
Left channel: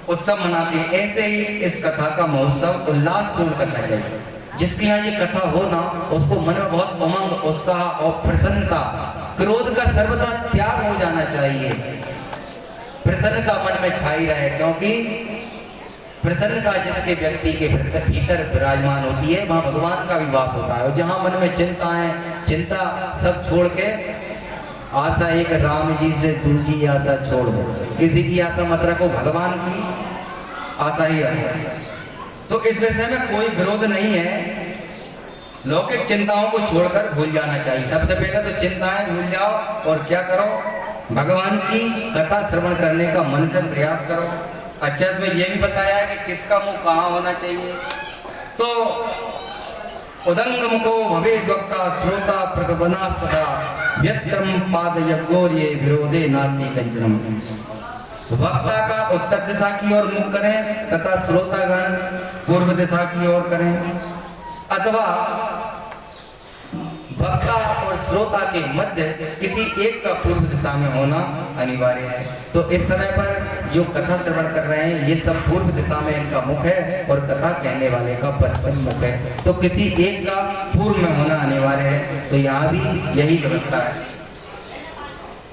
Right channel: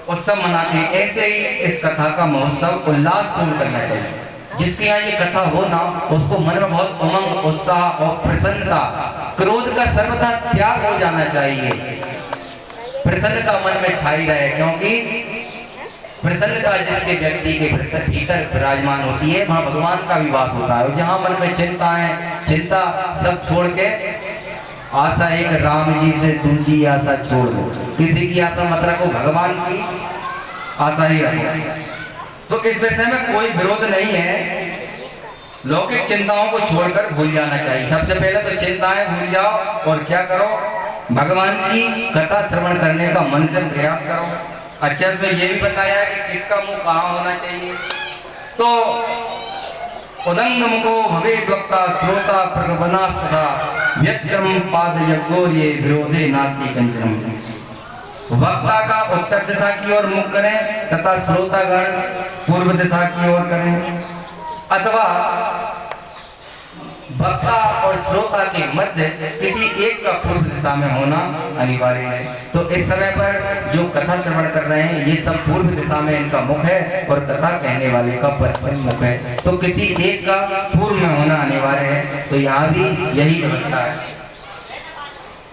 उत्सव मनाते हैं, ऐसे ही इस कथा का महोत्सव उल्लासपूर्ण करना चाहिए। जिसके यहाँ ये कथा हो ना, उसको मन में बहुत उमंग, उत्साह और प्रसन्नता, क्रोध का सर्वथा त्याग हो जाना चाहिए, प्रसन्नता मन में छाई रहे, क्योंकि प्रसन्नता जिसके व्यक्ति के भीतर विराजमान होती है, वहां भगवान का भी वास होता है। जहां मन में चिंता सब छोड़ के आशा एक राम जी से दूसरी आशा छोड़ दो, किसी की आशा मत रखो, भगवान की आशा ही रखो। तो इस विषय में कोई विरोध नहीं है, लौकिक चिंताओं को छोड़कर भूल जाना चाहिए। सबसे पहले तो चिंताएं भूल जाओ, और क्या करो, भगवान की कथा श्रवण करने का मन से प्रयास करो। अच्छा, इसमें यह भी बताया है कि किसका मुंह कहाँ होना चाहिए, तो उदंग मुखो भवेद् वक्ता श्रोता प्रगवनास्तथा व्यक्रम पाद यज्ञोर्ये विरोधे नास्ति कंचनम। वक्ता का उत्तर दिशा की ओर मुख करें तथा श्रोतागण पूर्व दिशा की ओर करें, अथवा वक्ता और श्रोता के मध्य किसी एक का पूर्व दिशा में होना अनिवार्य है। तो इस समय पर जो कथा श्रवण कर रहे हैं, ये सब पूर्व दिशा में इनका मुख है, और कथा कहने वाले का पश्चिम मुख है, तो किसी एक का पूर्व में होना अनिवार्य है। तो यहाँ भी यही व्यवस्था है।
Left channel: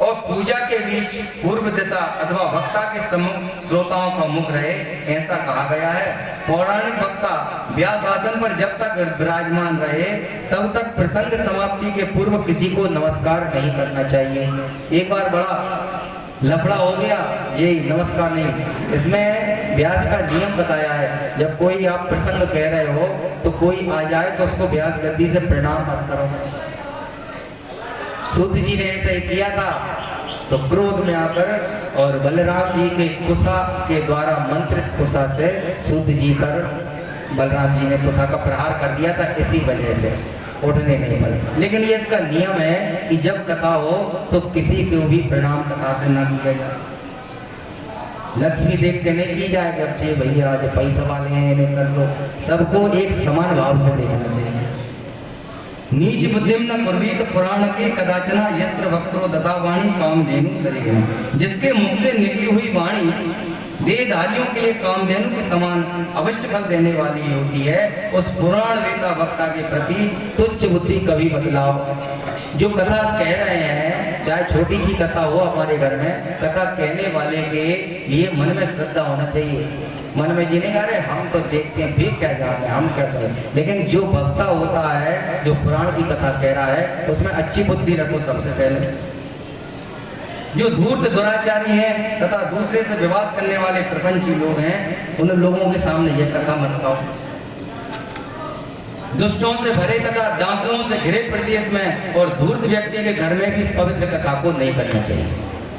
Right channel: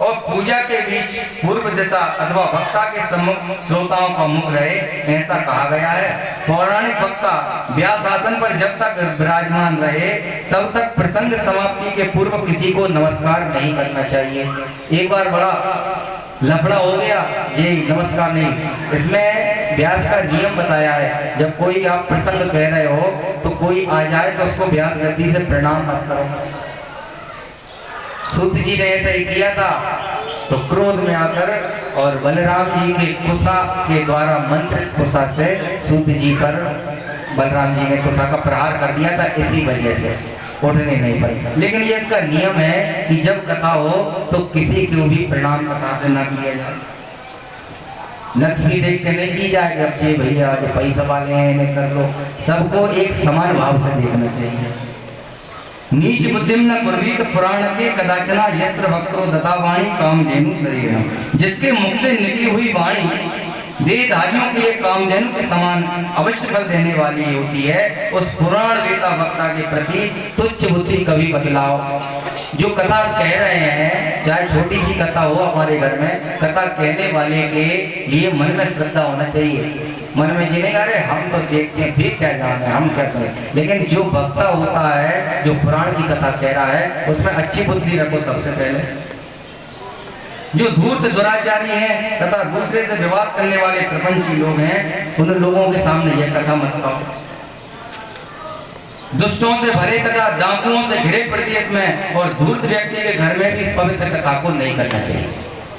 और पूजा के बीच पूर्व दिशा अथवा वक्ता के सम्मुख श्रोताओं का मुख रहे, ऐसा कहा गया है। पौराणिक वक्ता व्यास आसन पर जब तक विराजमान रहे, तब तक प्रसंग समाप्ति के पूर्व किसी को नमस्कार नहीं करना चाहिए। एक बार बड़ा लफड़ा हो गया, ये नमस्कार नहीं। इसमें व्यास का नियम बताया है, जब कोई आप प्रसंग कह रहे हो तो कोई आ जाए तो उसको व्यास गद्दी से प्रणाम मत करो। सूत जी ने ऐसा ही किया था, तो क्रोध में आकर और बलराम जी के कुशा के द्वारा मंत्रित कुशा से सूत जी पर बलराम जी ने कुशा का प्रहार कर दिया था, इसी वजह से उठने नहीं पड़े। लेकिन ये इसका नियम है कि जब कथा हो तो किसी को भी प्रणाम कथा से ना किया जाए। लक्ष्मी देख के नहीं की जाए कि अब जी भैया जो पैसा वाले हैं इन्हें कर लो, सबको एक समान भाव से देखना चाहिए। नीच बुद्धिम न कुर्वीत पुराण के कदाचना यस्त्र वक्रो दता वाणी कामधेनु शरीर। जिसके मुख से निकली हुई वाणी देहधारियों के लिए कामधेनु के समान अवश्य फल देने वाली होती है, उस पुराण वेता वक्ता के प्रति तुच्छ बुद्धि कभी बदलाव। जो कथा कह रहे हैं, चाहे छोटी सी कथा हो, हमारे घर में कथा कहने वाले के लिए मन में श्रद्धा होना चाहिए। मन में जिनेगा, अरे हम तो देखते हैं, फिर क्या जानते हैं, हम क्या सुने। लेकिन जो वक्ता होता है, जो पुराण की कथा कह रहा है, उसमें अच्छी बुद्धि रखो सबसे पहले। जो धूर्त दुराचारी हैं तथा दूसरे से विवाद करने वाले प्रपंची लोग हैं, उन लोगों के सामने यह कथा मत कहो। दुष्टों से भरे तथा डाकुओं से घिरे प्रदेश में और धूर्त व्यक्ति के घर में भी इस पवित्र कथा को नहीं करना चाहिए।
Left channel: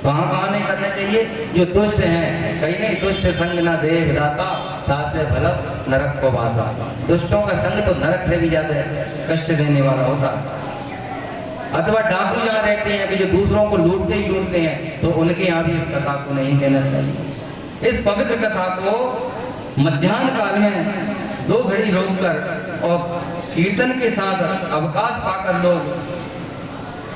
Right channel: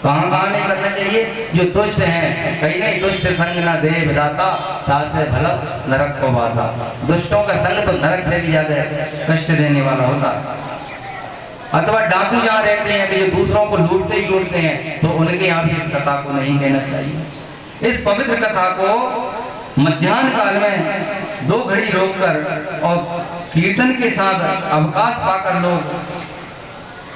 कहाँ कहाँ नहीं करना चाहिए? जो दुष्ट हैं, कहीं नहीं, दुष्ट संग न दे विधाता तासे भलत नरक को वासा। दुष्टों का संग तो नरक से भी ज्यादा कष्ट देने वाला होता है। अथवा डाकू जहाँ रहते हैं कि जो दूसरों को लूटते ही लूटते हैं, तो उनके यहाँ भी इस कथा को नहीं कहना चाहिए। इस पवित्र कथा को मध्याह्न काल में 2 घड़ी रोककर और कीर्तन के साथ अवकाश पाकर लोग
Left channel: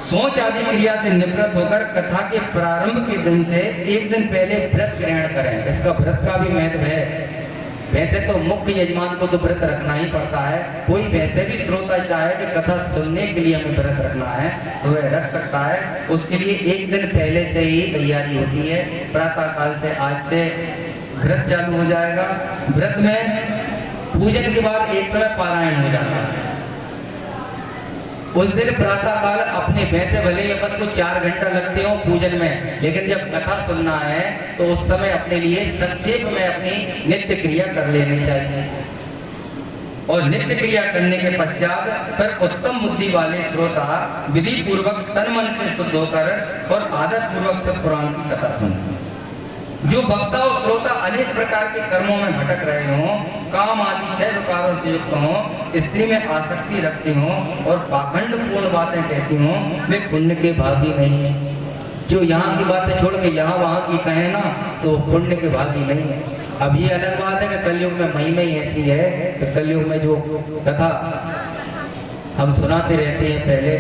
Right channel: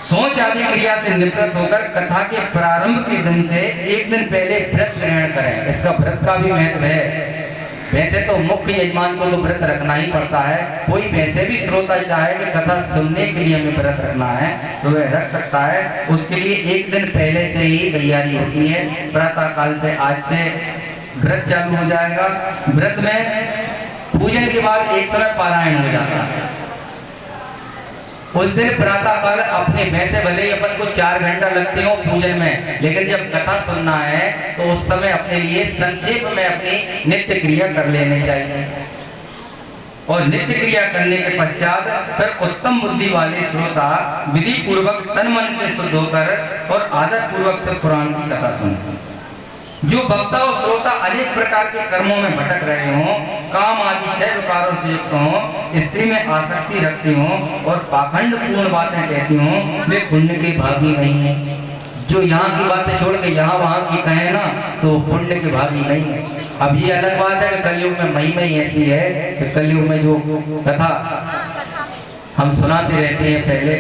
सोच आदि क्रिया से निवृत्त होकर कथा के प्रारंभ के दिन से 1 दिन पहले व्रत ग्रहण करें। इसका व्रत का भी महत्व है। वैसे तो मुख्य यजमान को तो व्रत रखना ही पड़ता है। कोई वैसे भी श्रोता चाहे कि कथा सुनने के लिए हमें व्रत रखना है तो वह रख सकता है। उसके लिए 1 दिन पहले से ही तैयारी होती है। प्रातः काल से आज से व्रत चालू हो जाएगा। व्रत में पूजन के बाद एक समय पारायण हो जाता है। उस दिन प्रातः काल अपने वैसे भले ही अपन को 4 घंटा लगते हो पूजन में, लेकिन जब कथा सुनना है तो उस समय अपने लिए संक्षेप में अपनी नित्य क्रिया कर लेनी चाहिए। और नित्य क्रिया करने के पश्चात फिर उत्तम बुद्धि वाले श्रोता विधि पूर्वक तन मन से शुद्ध होकर और आदर पूर्वक से पुराण की कथा सुने। जो वक्ता और श्रोता अनेक प्रकार के कर्मों में भटक रहे हों, काम आदि 6 विकारों से युक्त हों, स्त्री में आसक्ति रखती हों और पाखंड पूर्ण बातें कहती हों, वे पुण्य के भागी नहीं है। जो यहाँ की बातें छोड़ के यहाँ वहाँ की कहें ना, तो पुण्य के भागी नहीं है। अब ये अलग बात है कि कलयुग में महिमा ही ऐसी है कि कलयुग में जो कथा हम सुनाते रहते हैं, पहले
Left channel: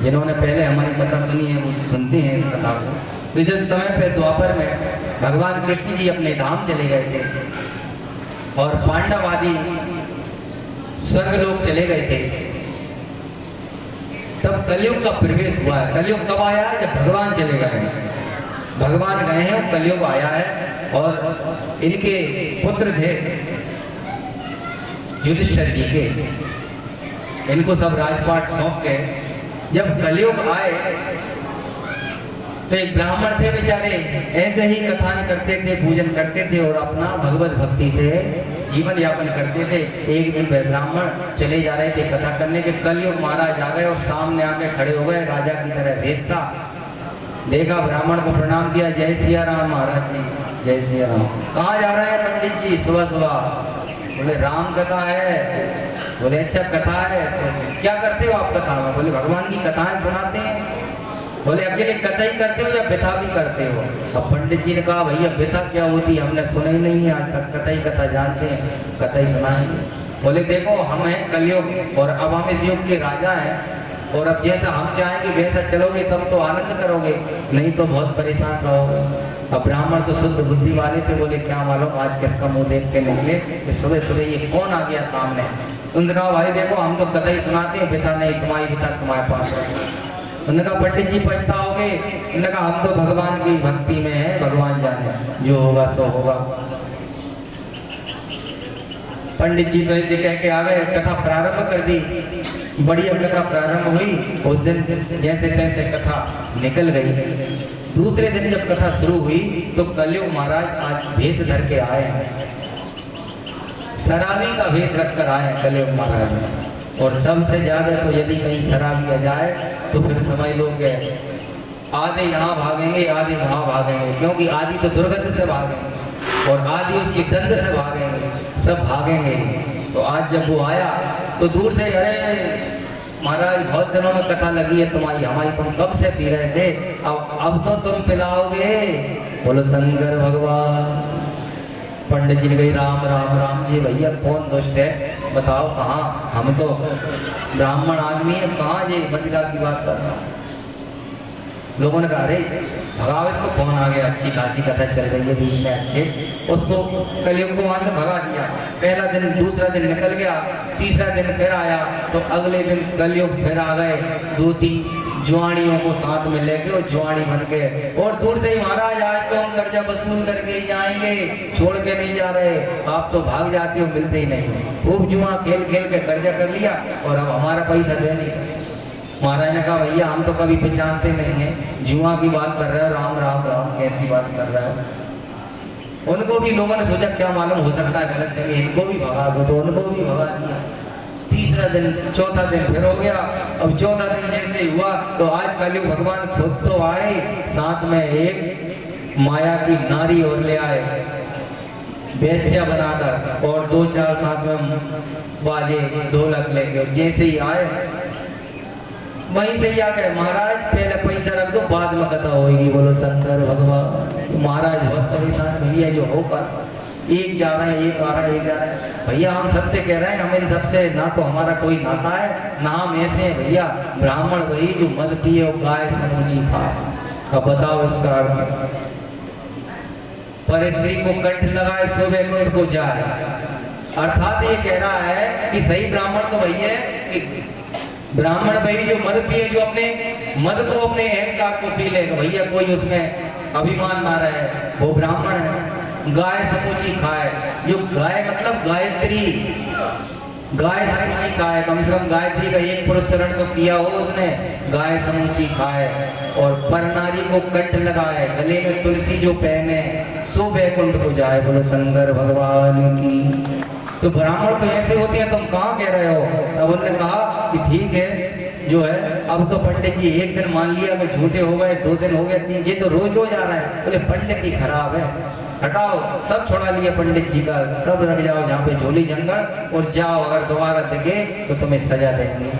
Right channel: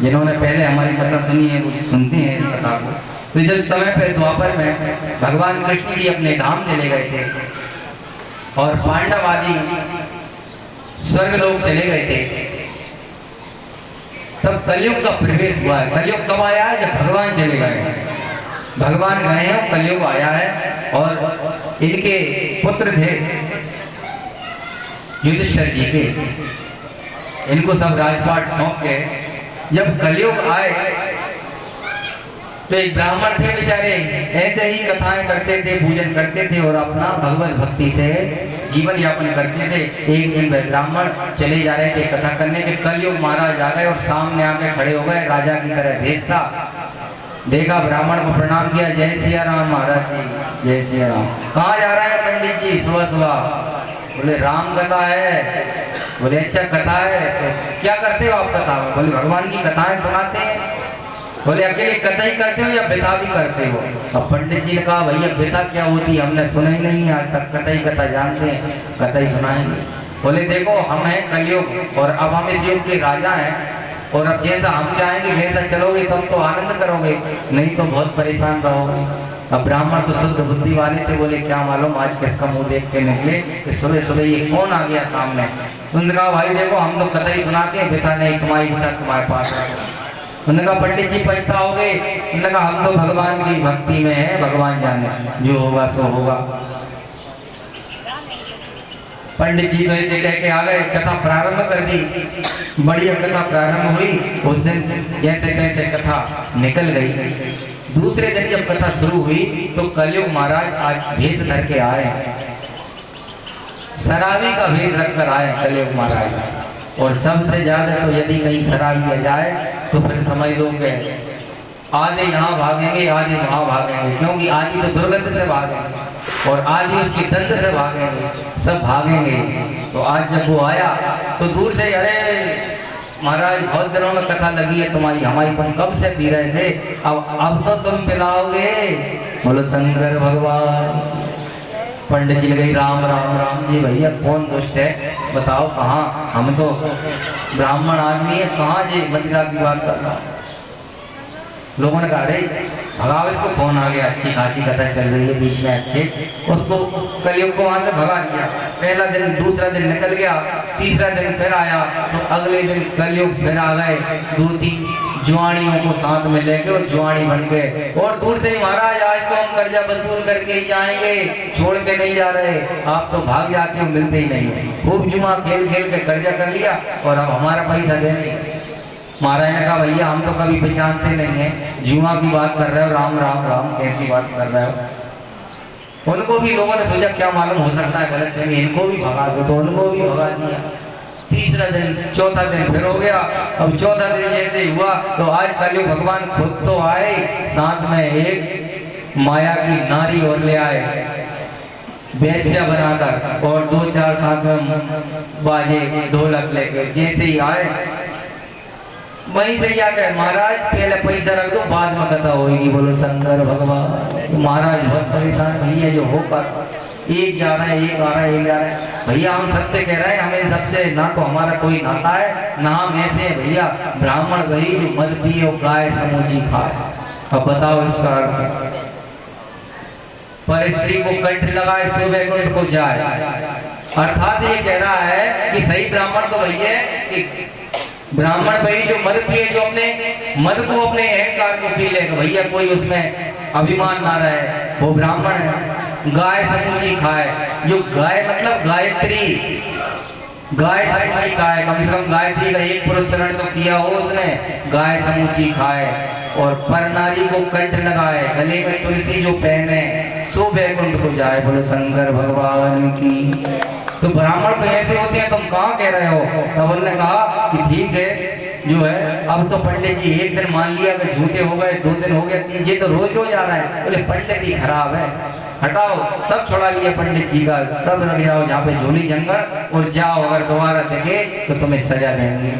जिन्होंने पहले हमारी कथा सुनी है वो सुनते हैं इस कथा को। तो जिस समय पे द्वापर में भगवान कृष्ण जी अपने धाम चले गए थे और पांडव आदि स्वर्ग लोग चले गए थे, तब कलयुग का प्रवेश हुआ है। कलयुग कब आया है? जब भगवान चले गए हैं। भगवान गए हैं और कलयुग आया है। और इनके पुत्र थे युधिष्ठिर जी के, इनको सब राजपाट सौंप के जब कलयुग आए तो एक ब्राह्मण थे बेचारे, ऐसे ही कथाएं करते थे, पूजन करते थे और अपना भगवत भक्ति से जीवन यापन करते थे। एक दिन वह ब्राह्मण चले जा रहे थे कथा करने के, कलयुग महाराज आ गए और सामने आके खड़े हो गए, राजा की तरह भेष था। देखा, ब्राह्मण को प्रणाम किया, जय सिया राम महाराज जी, जय सिया राम। कहाँ जा रहे हैं पंडित जी सुबह सुबह? बोले राम कथा है। बोले अच्छा कथा है, तो क्या करते हो आप कथा में? बोले भगवान की कथाएं सुनाते हैं। बोले अकेले कथा ही करते हो या व्यथा भी करते हो? अब पंडित जी ने कहा भैया व्यथा क्या होती, हमने सुना ही नहीं है आज तक, कथा ही कथा जानते हैं, कथा ही सुनाएंगे। बोले देखो हम हैं कलयुग और अब हम इस युग के राजा हैं, और अब जैसा हम चाहेंगे वैसा चलोगे तब तो आनंद करोगे, नहीं तो बहुत परेशान रहोगे। अब ब्राह्मण तो शुद्ध बुद्धि वाले थे, बोले क्या मालूम आज किसका मुंह देख के निकले कि सुबह सुबह ये कौन आ गया सामने। उनसे कहा भाई देखो हम तो कथा ही सुनाते हैं, व्यथा नहीं, तुम्हारी व्यथा तुम्हारे पास है। उन्होंने कहा पंडित जी पछताओगे? उन्होंने कहा हम तो भगवान की भक्ति में है, भगवान जाने, जो होगा सो होगा। पंडित जी तो ऐसे कह के आ गए, कथा प्रारंभ कर दी। बढ़िया कथा प्रारंभ हुई, उस दिन जैसे तैसे कथा निकल गई। दूसरे दिन जब कथा शुरू हुई तो कलयुग महाराज आज भेष धर के आए, शराबी का भेष रखकर आए कलयुग महाराज। और सबसे ज्यादा तो यदि कहीं शराबी आ जाए तो फिर समझ लो कि आधे यहाँ भागेंगे आधे वहाँ भागेंगे, क्योंकि आदि तो दुर्गंध से भागेंगे और आदि उसकी दंड से भागेंगे, सब भागेंगे। तो आज जब वो आया तो दूर से, अरे महाराज बहुत दिनों में कथा लगी है तुम्हारी, हमारी तुम कब से पी रहे थे, अब तो तुम पिलाओगे। बोलो शंकर भगवान। पंडित जी ने कही राम राम राम जी, भैया कौन दुष्ट है बताओ, कहाँ, हम तो ब्राह्मण आदमी है, कहाँ जी मदिरा की बात कर रहा। लोगों ने कहा अरे भगाओ इसको, कौन आ गया, अच्छी खासी कथा चल रही है बीच में, अच्छे, उसको कलयुग को वहां से भगा दिया। पहला दिन, दूसरा दिन निकल गया, तीसरा दिन फिर आया, तो अगले दिन कलयुग फिर आ गए, 2-3 जुआड़ियों को साथ में लेके और जुआड़ी बन के, और दूर से ही महाराज आज तो हम कर्जा वसूल करके ही जाएंगे, छोड़ के नहीं जा रहे, आप तो भाग जाते हो, मिलते ही नहीं हो। खूब जुआ खेल खेल के कर्जा कर लिया और अब हमारा पैसा दे नहीं। महाराज ने कहा भैया हम तो कभी पहचानते नहीं है, जुआ की बात कर रहे हो, राम राम राम कैसी बात कर रहे हो। उनको भी लोगों ने सोचा क्या मालूम हो सकता है गलत नहीं, इनको भी भगा दो, तो उनको भी भगा दिया। तीसरा दिन, चौथा दिन फिर हो गया। अब चौथा दिन जैसे हुआ तो आज कलयुग भगवान खुद तो आए, साथ में एक माया की नारी और ले आए वैश्या बनाकर, और 2-4 साथ में बाजे ढोलक लेकर। जैसे ही आए वहीं से ही आ गए, महाराज पहले पैसा रख दो बाद में कथा होगी। बोलो शंकर भगवान। तो महाराज बहुत परेशान, भैया जो होकर एक जा रहा है, एक आ रहा है, एक जा रहा है। भैया हम सत्य कह रहे हैं, हम इन सबसे ना तो हमारा कोई नाता है ना हम ऐसे हैं। भैया ब्राह्मण वही जो मद पिए और गाय समूची खाए। अब बताओ इसका अर्थ। पर स्त्री को कंठ लगाए सुबह कंठ को जाए, अर्थात ये कह रहा है कि सही ब्राह्मण तो वही है कि ब्राह्मण भाई जो मद पिए, जो अपने मद को, अपने अहंकार को पी लेगा, भैया कोई उसमें अभिमान ना रहे, वो ब्राह्मण है। गाय समूची खाए, जो गाय मतलब गायत्री, गाय समूची खाए, कम से कम गायत्री का एक पुरुष चरण तो किया हो उसने। गाय समूची खाए और पर नारी को कंठ लगाए, गले में तुलसी जो पहने, सो वैकुंठ को जाए। बोलो शंकर भगवान की। तो ब्राह्मण तो ऐसे होते हैं, तुम कहाँ कह रहे हो? तब उन्होंने कहा कि ठीक है, जो है अब तो पंडित जी एक दिन मान लिया कि झूठे हो गए, 2 दिन हो गए, 3, ये तो रोज रोज आ रहा है। बोले पंडित ही खराब है, हटाओ, सब छुड़ा लिया पंडित जी का, सब रख जाओ जहाँ पे झोली जंगल, और जाओ, अगर दोबारा दिखे तो तुम्हें सजा देंगे।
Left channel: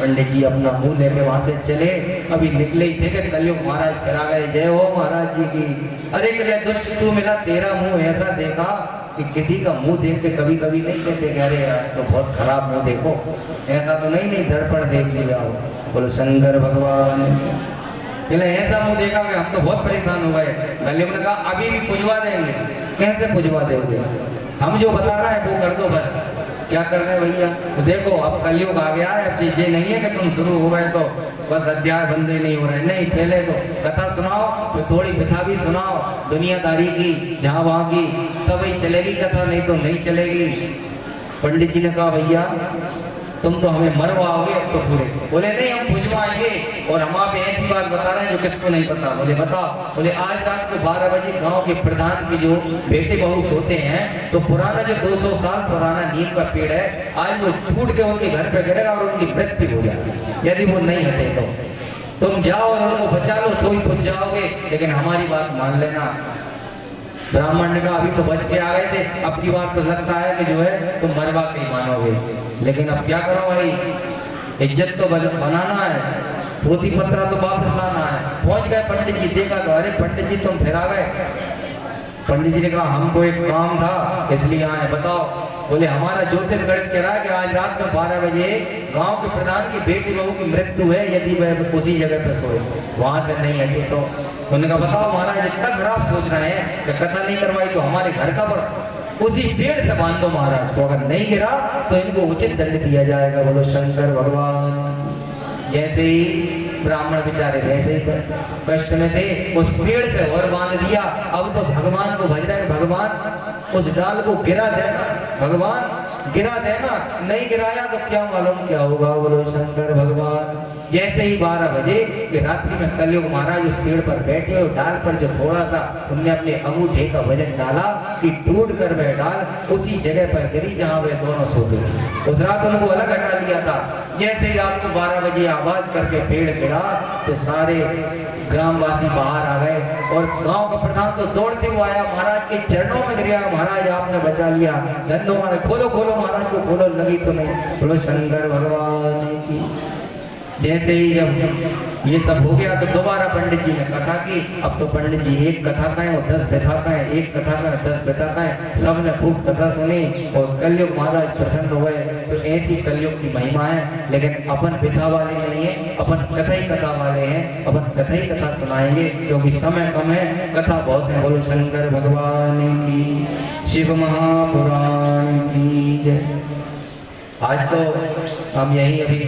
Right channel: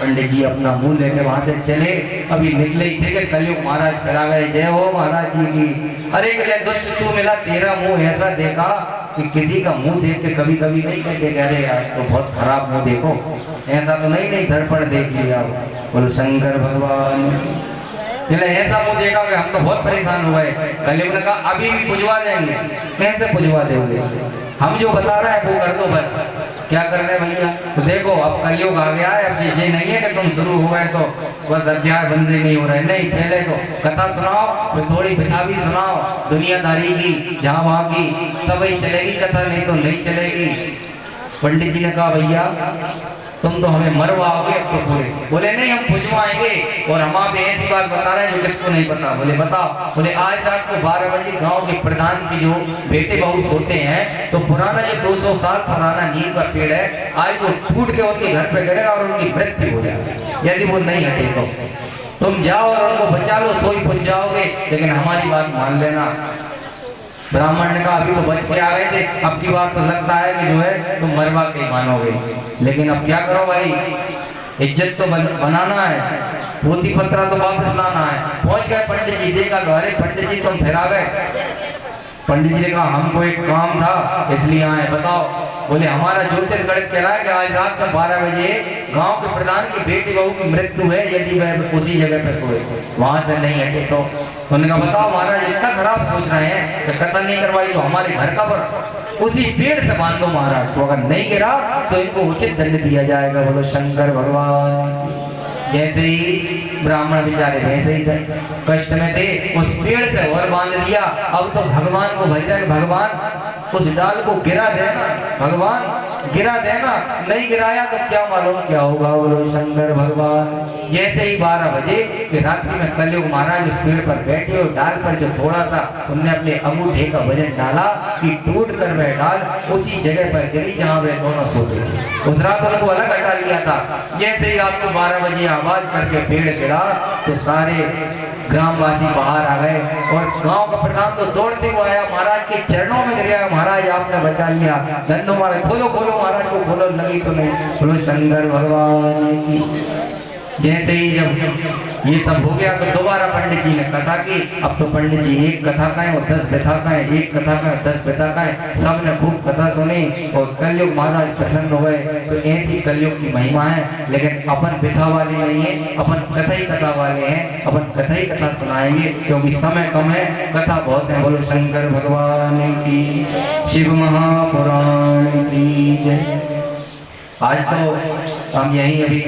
पंडित जी अपना मुंह लेके वहां से चले, अभी निकले ही थे कि कलयुग महाराज करा गए। जय हो महाराज जी की। अरे कले दुष्ट तू मिला, तेरा मुंह ऐसा देखा कि किसी का मुंह देख के कभी कभी नहीं कहते अरे आज तो बहुत खराब मुंह देखो, ऐसा तो नहीं दर्पण देख लिया हो। बोलो शंकर भगवान। चले ऐसा मुंह देखा कि हम तो बहुत परेशान हो गए। कलयुग ने कहा अभी भी पुजवा देंगे। कैसे पुजवा दोगे? हम जो बता रहे हैं वो कर दो बस। क्या कर रहे भैया? तो देखो अब कलयुग आ गया है, अब ये नहीं है कि तुम शुरू हो गए तो बस अध्याय बंद नहीं हो रहे, नहीं, पहले तो कथा सुनाओ, फिर थोड़ी पिता भी सुनाओ दुनियादारी की, जहाँ वहाँ की, तब ही चलेगी कथा, नहीं तो नहीं चलेगी। पंडित जी ने कहा भैया तुम तो हमें मरवाओगे अब तो पूरे। बोले नहीं, हम पुजवाएंगे, और हम आप ऐसी बात बता रहे हैं जो किसको नहीं पता। बोले बताओ। बोले आज रात को 12 बजे गांव के प्रधान की जो बेटे बहू सोते हैं, तो पुराना जो 200 साल पुराना नीम का पेड़ है, आज वो टूट के उनके घर पे गिरेगा और उनकी मृत्यु हो जाएगी यदि वो नहीं हटे तो। तुम जाओ और उनको बचा लो, सोई पुज जाओगे, लेकिन हमारी बात मान लेना। ब्राह्मण ने कहा अभी तो बच के आ गए थे, अब की बार तो लगता है कि जो है तुम मरवा के ही मानोगे, लेकिन अब क्या करो भाई, इज्जत तो बनाना है, पोती पत्रा तो वापस लाना है। पहुंच गए पंडित जी, देखा तो अरे पंडित जी तुम फिर आ गए। पंडित जी ने कहा हमको एक काम था इसलिए आए, बताओ। बोले हमारा ज्योतिष गणित कह रहा है कि आज रात में 12 बजे गांव के प्रधान की बेटी बहू की मृत्यु है, यदि वह उसी जगह पे सोए, वहां से नहीं हटे तो। उन्होंने कहा बताओ महाराज इतना खराब सोच रहे हैं कि कथा नहीं करवाई तो हमारे घर का पर उसी पेड़ से बांध दो महाराज को, अगर नहीं गिरा तो इनको उचित दंड दिया जाएगा। बोलो शंकर भगवान। जैसे ही ब्राह्मण बेचारे वैसे ही कष्ट में थे, उस पेड़ से और बांध दिया। अब तो भगवान को भज रहे, भगवान उस डाल को गिरा देना, भगवान गिरा देना, नहीं गिराया तो क्या मालूम क्या होगा। बोलो शंकर भगवान। जैसे ही 12 बजे कि रात्रि में कलयुग महाराज उस पेड़ पर बैठे और डाल पर जो थोड़ा सा उनने अपने अंगूठे का वजन डाला कि टूट कर वह डाल उसी जगह पर गिरी जहां वे दोनों सोते थे। उस रात उनको अलग हटा लिया था। जैसे ही रात को 12 बजे आवाज करके पेड़ गिरा तो सारे ग्रामवासी बाहर आ गए, और गांव का प्रधान तो दौड़ते हुए आया, महाराज के चरणों में गिरा, महाराज आपने बचा लिया, धन्य महाराज, खोलो खोलो महाराज को खोलो, लगी तो नहीं। बोलो शंकर भगवान की। जैसे ही जब ये सब हो गया तो दोबारा पंडित जी ने कथा की। अब तो पंडित जी एक कथा का है और 10 व्यथा का है, एक कथा का 10 व्यथा का है, सबने खूब कथा सुनी और कलयुग महाराज प्रसन्न हो गए। तो ऐसी कलयुग की महिमा है, लेकिन अपन व्यथा वाले नहीं है, अपन कथा ही कथा वाले हैं, अपन कथा ही कथा सुनाएंगे क्योंकि समय कम है, कथा बहुत है। बोलो शंकर भगवान की, शिव महापुराण की जय। आज तो हम यही अभी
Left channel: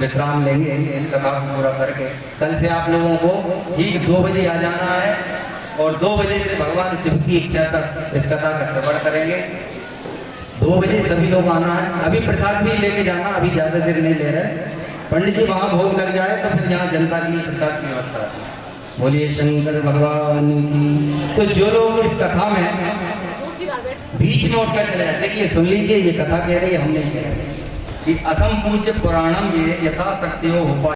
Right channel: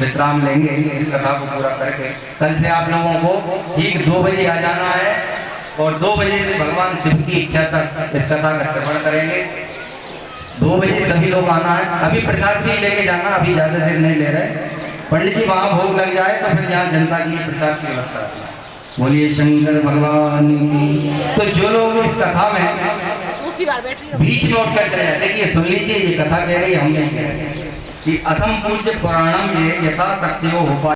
विश्राम लेंगे इस कथा को पूरा करके। कल से आप लोगों को ठीक 2 बजे आ जाना है और 2 बजे से भगवान शिव की इच्छा तक इस कथा का श्रवण करेंगे। 2 बजे सभी लोग आना है। अभी प्रसाद भी लेके जाना, अभी ज्यादा देर नहीं ले रहे। पंडित जी वहां भोग लग जाए तो फिर यहाँ जनता के लिए प्रसाद की व्यवस्था है। बोलिए शंकर भगवान की। तो जो लोग इस कथा में बीच में उठकर चले जाते, देखिए सुन लीजिए, ये कथा कह रही है, हम नहीं कह रहे कि असम पूज्य पुराणम ये यथाशक्ति हो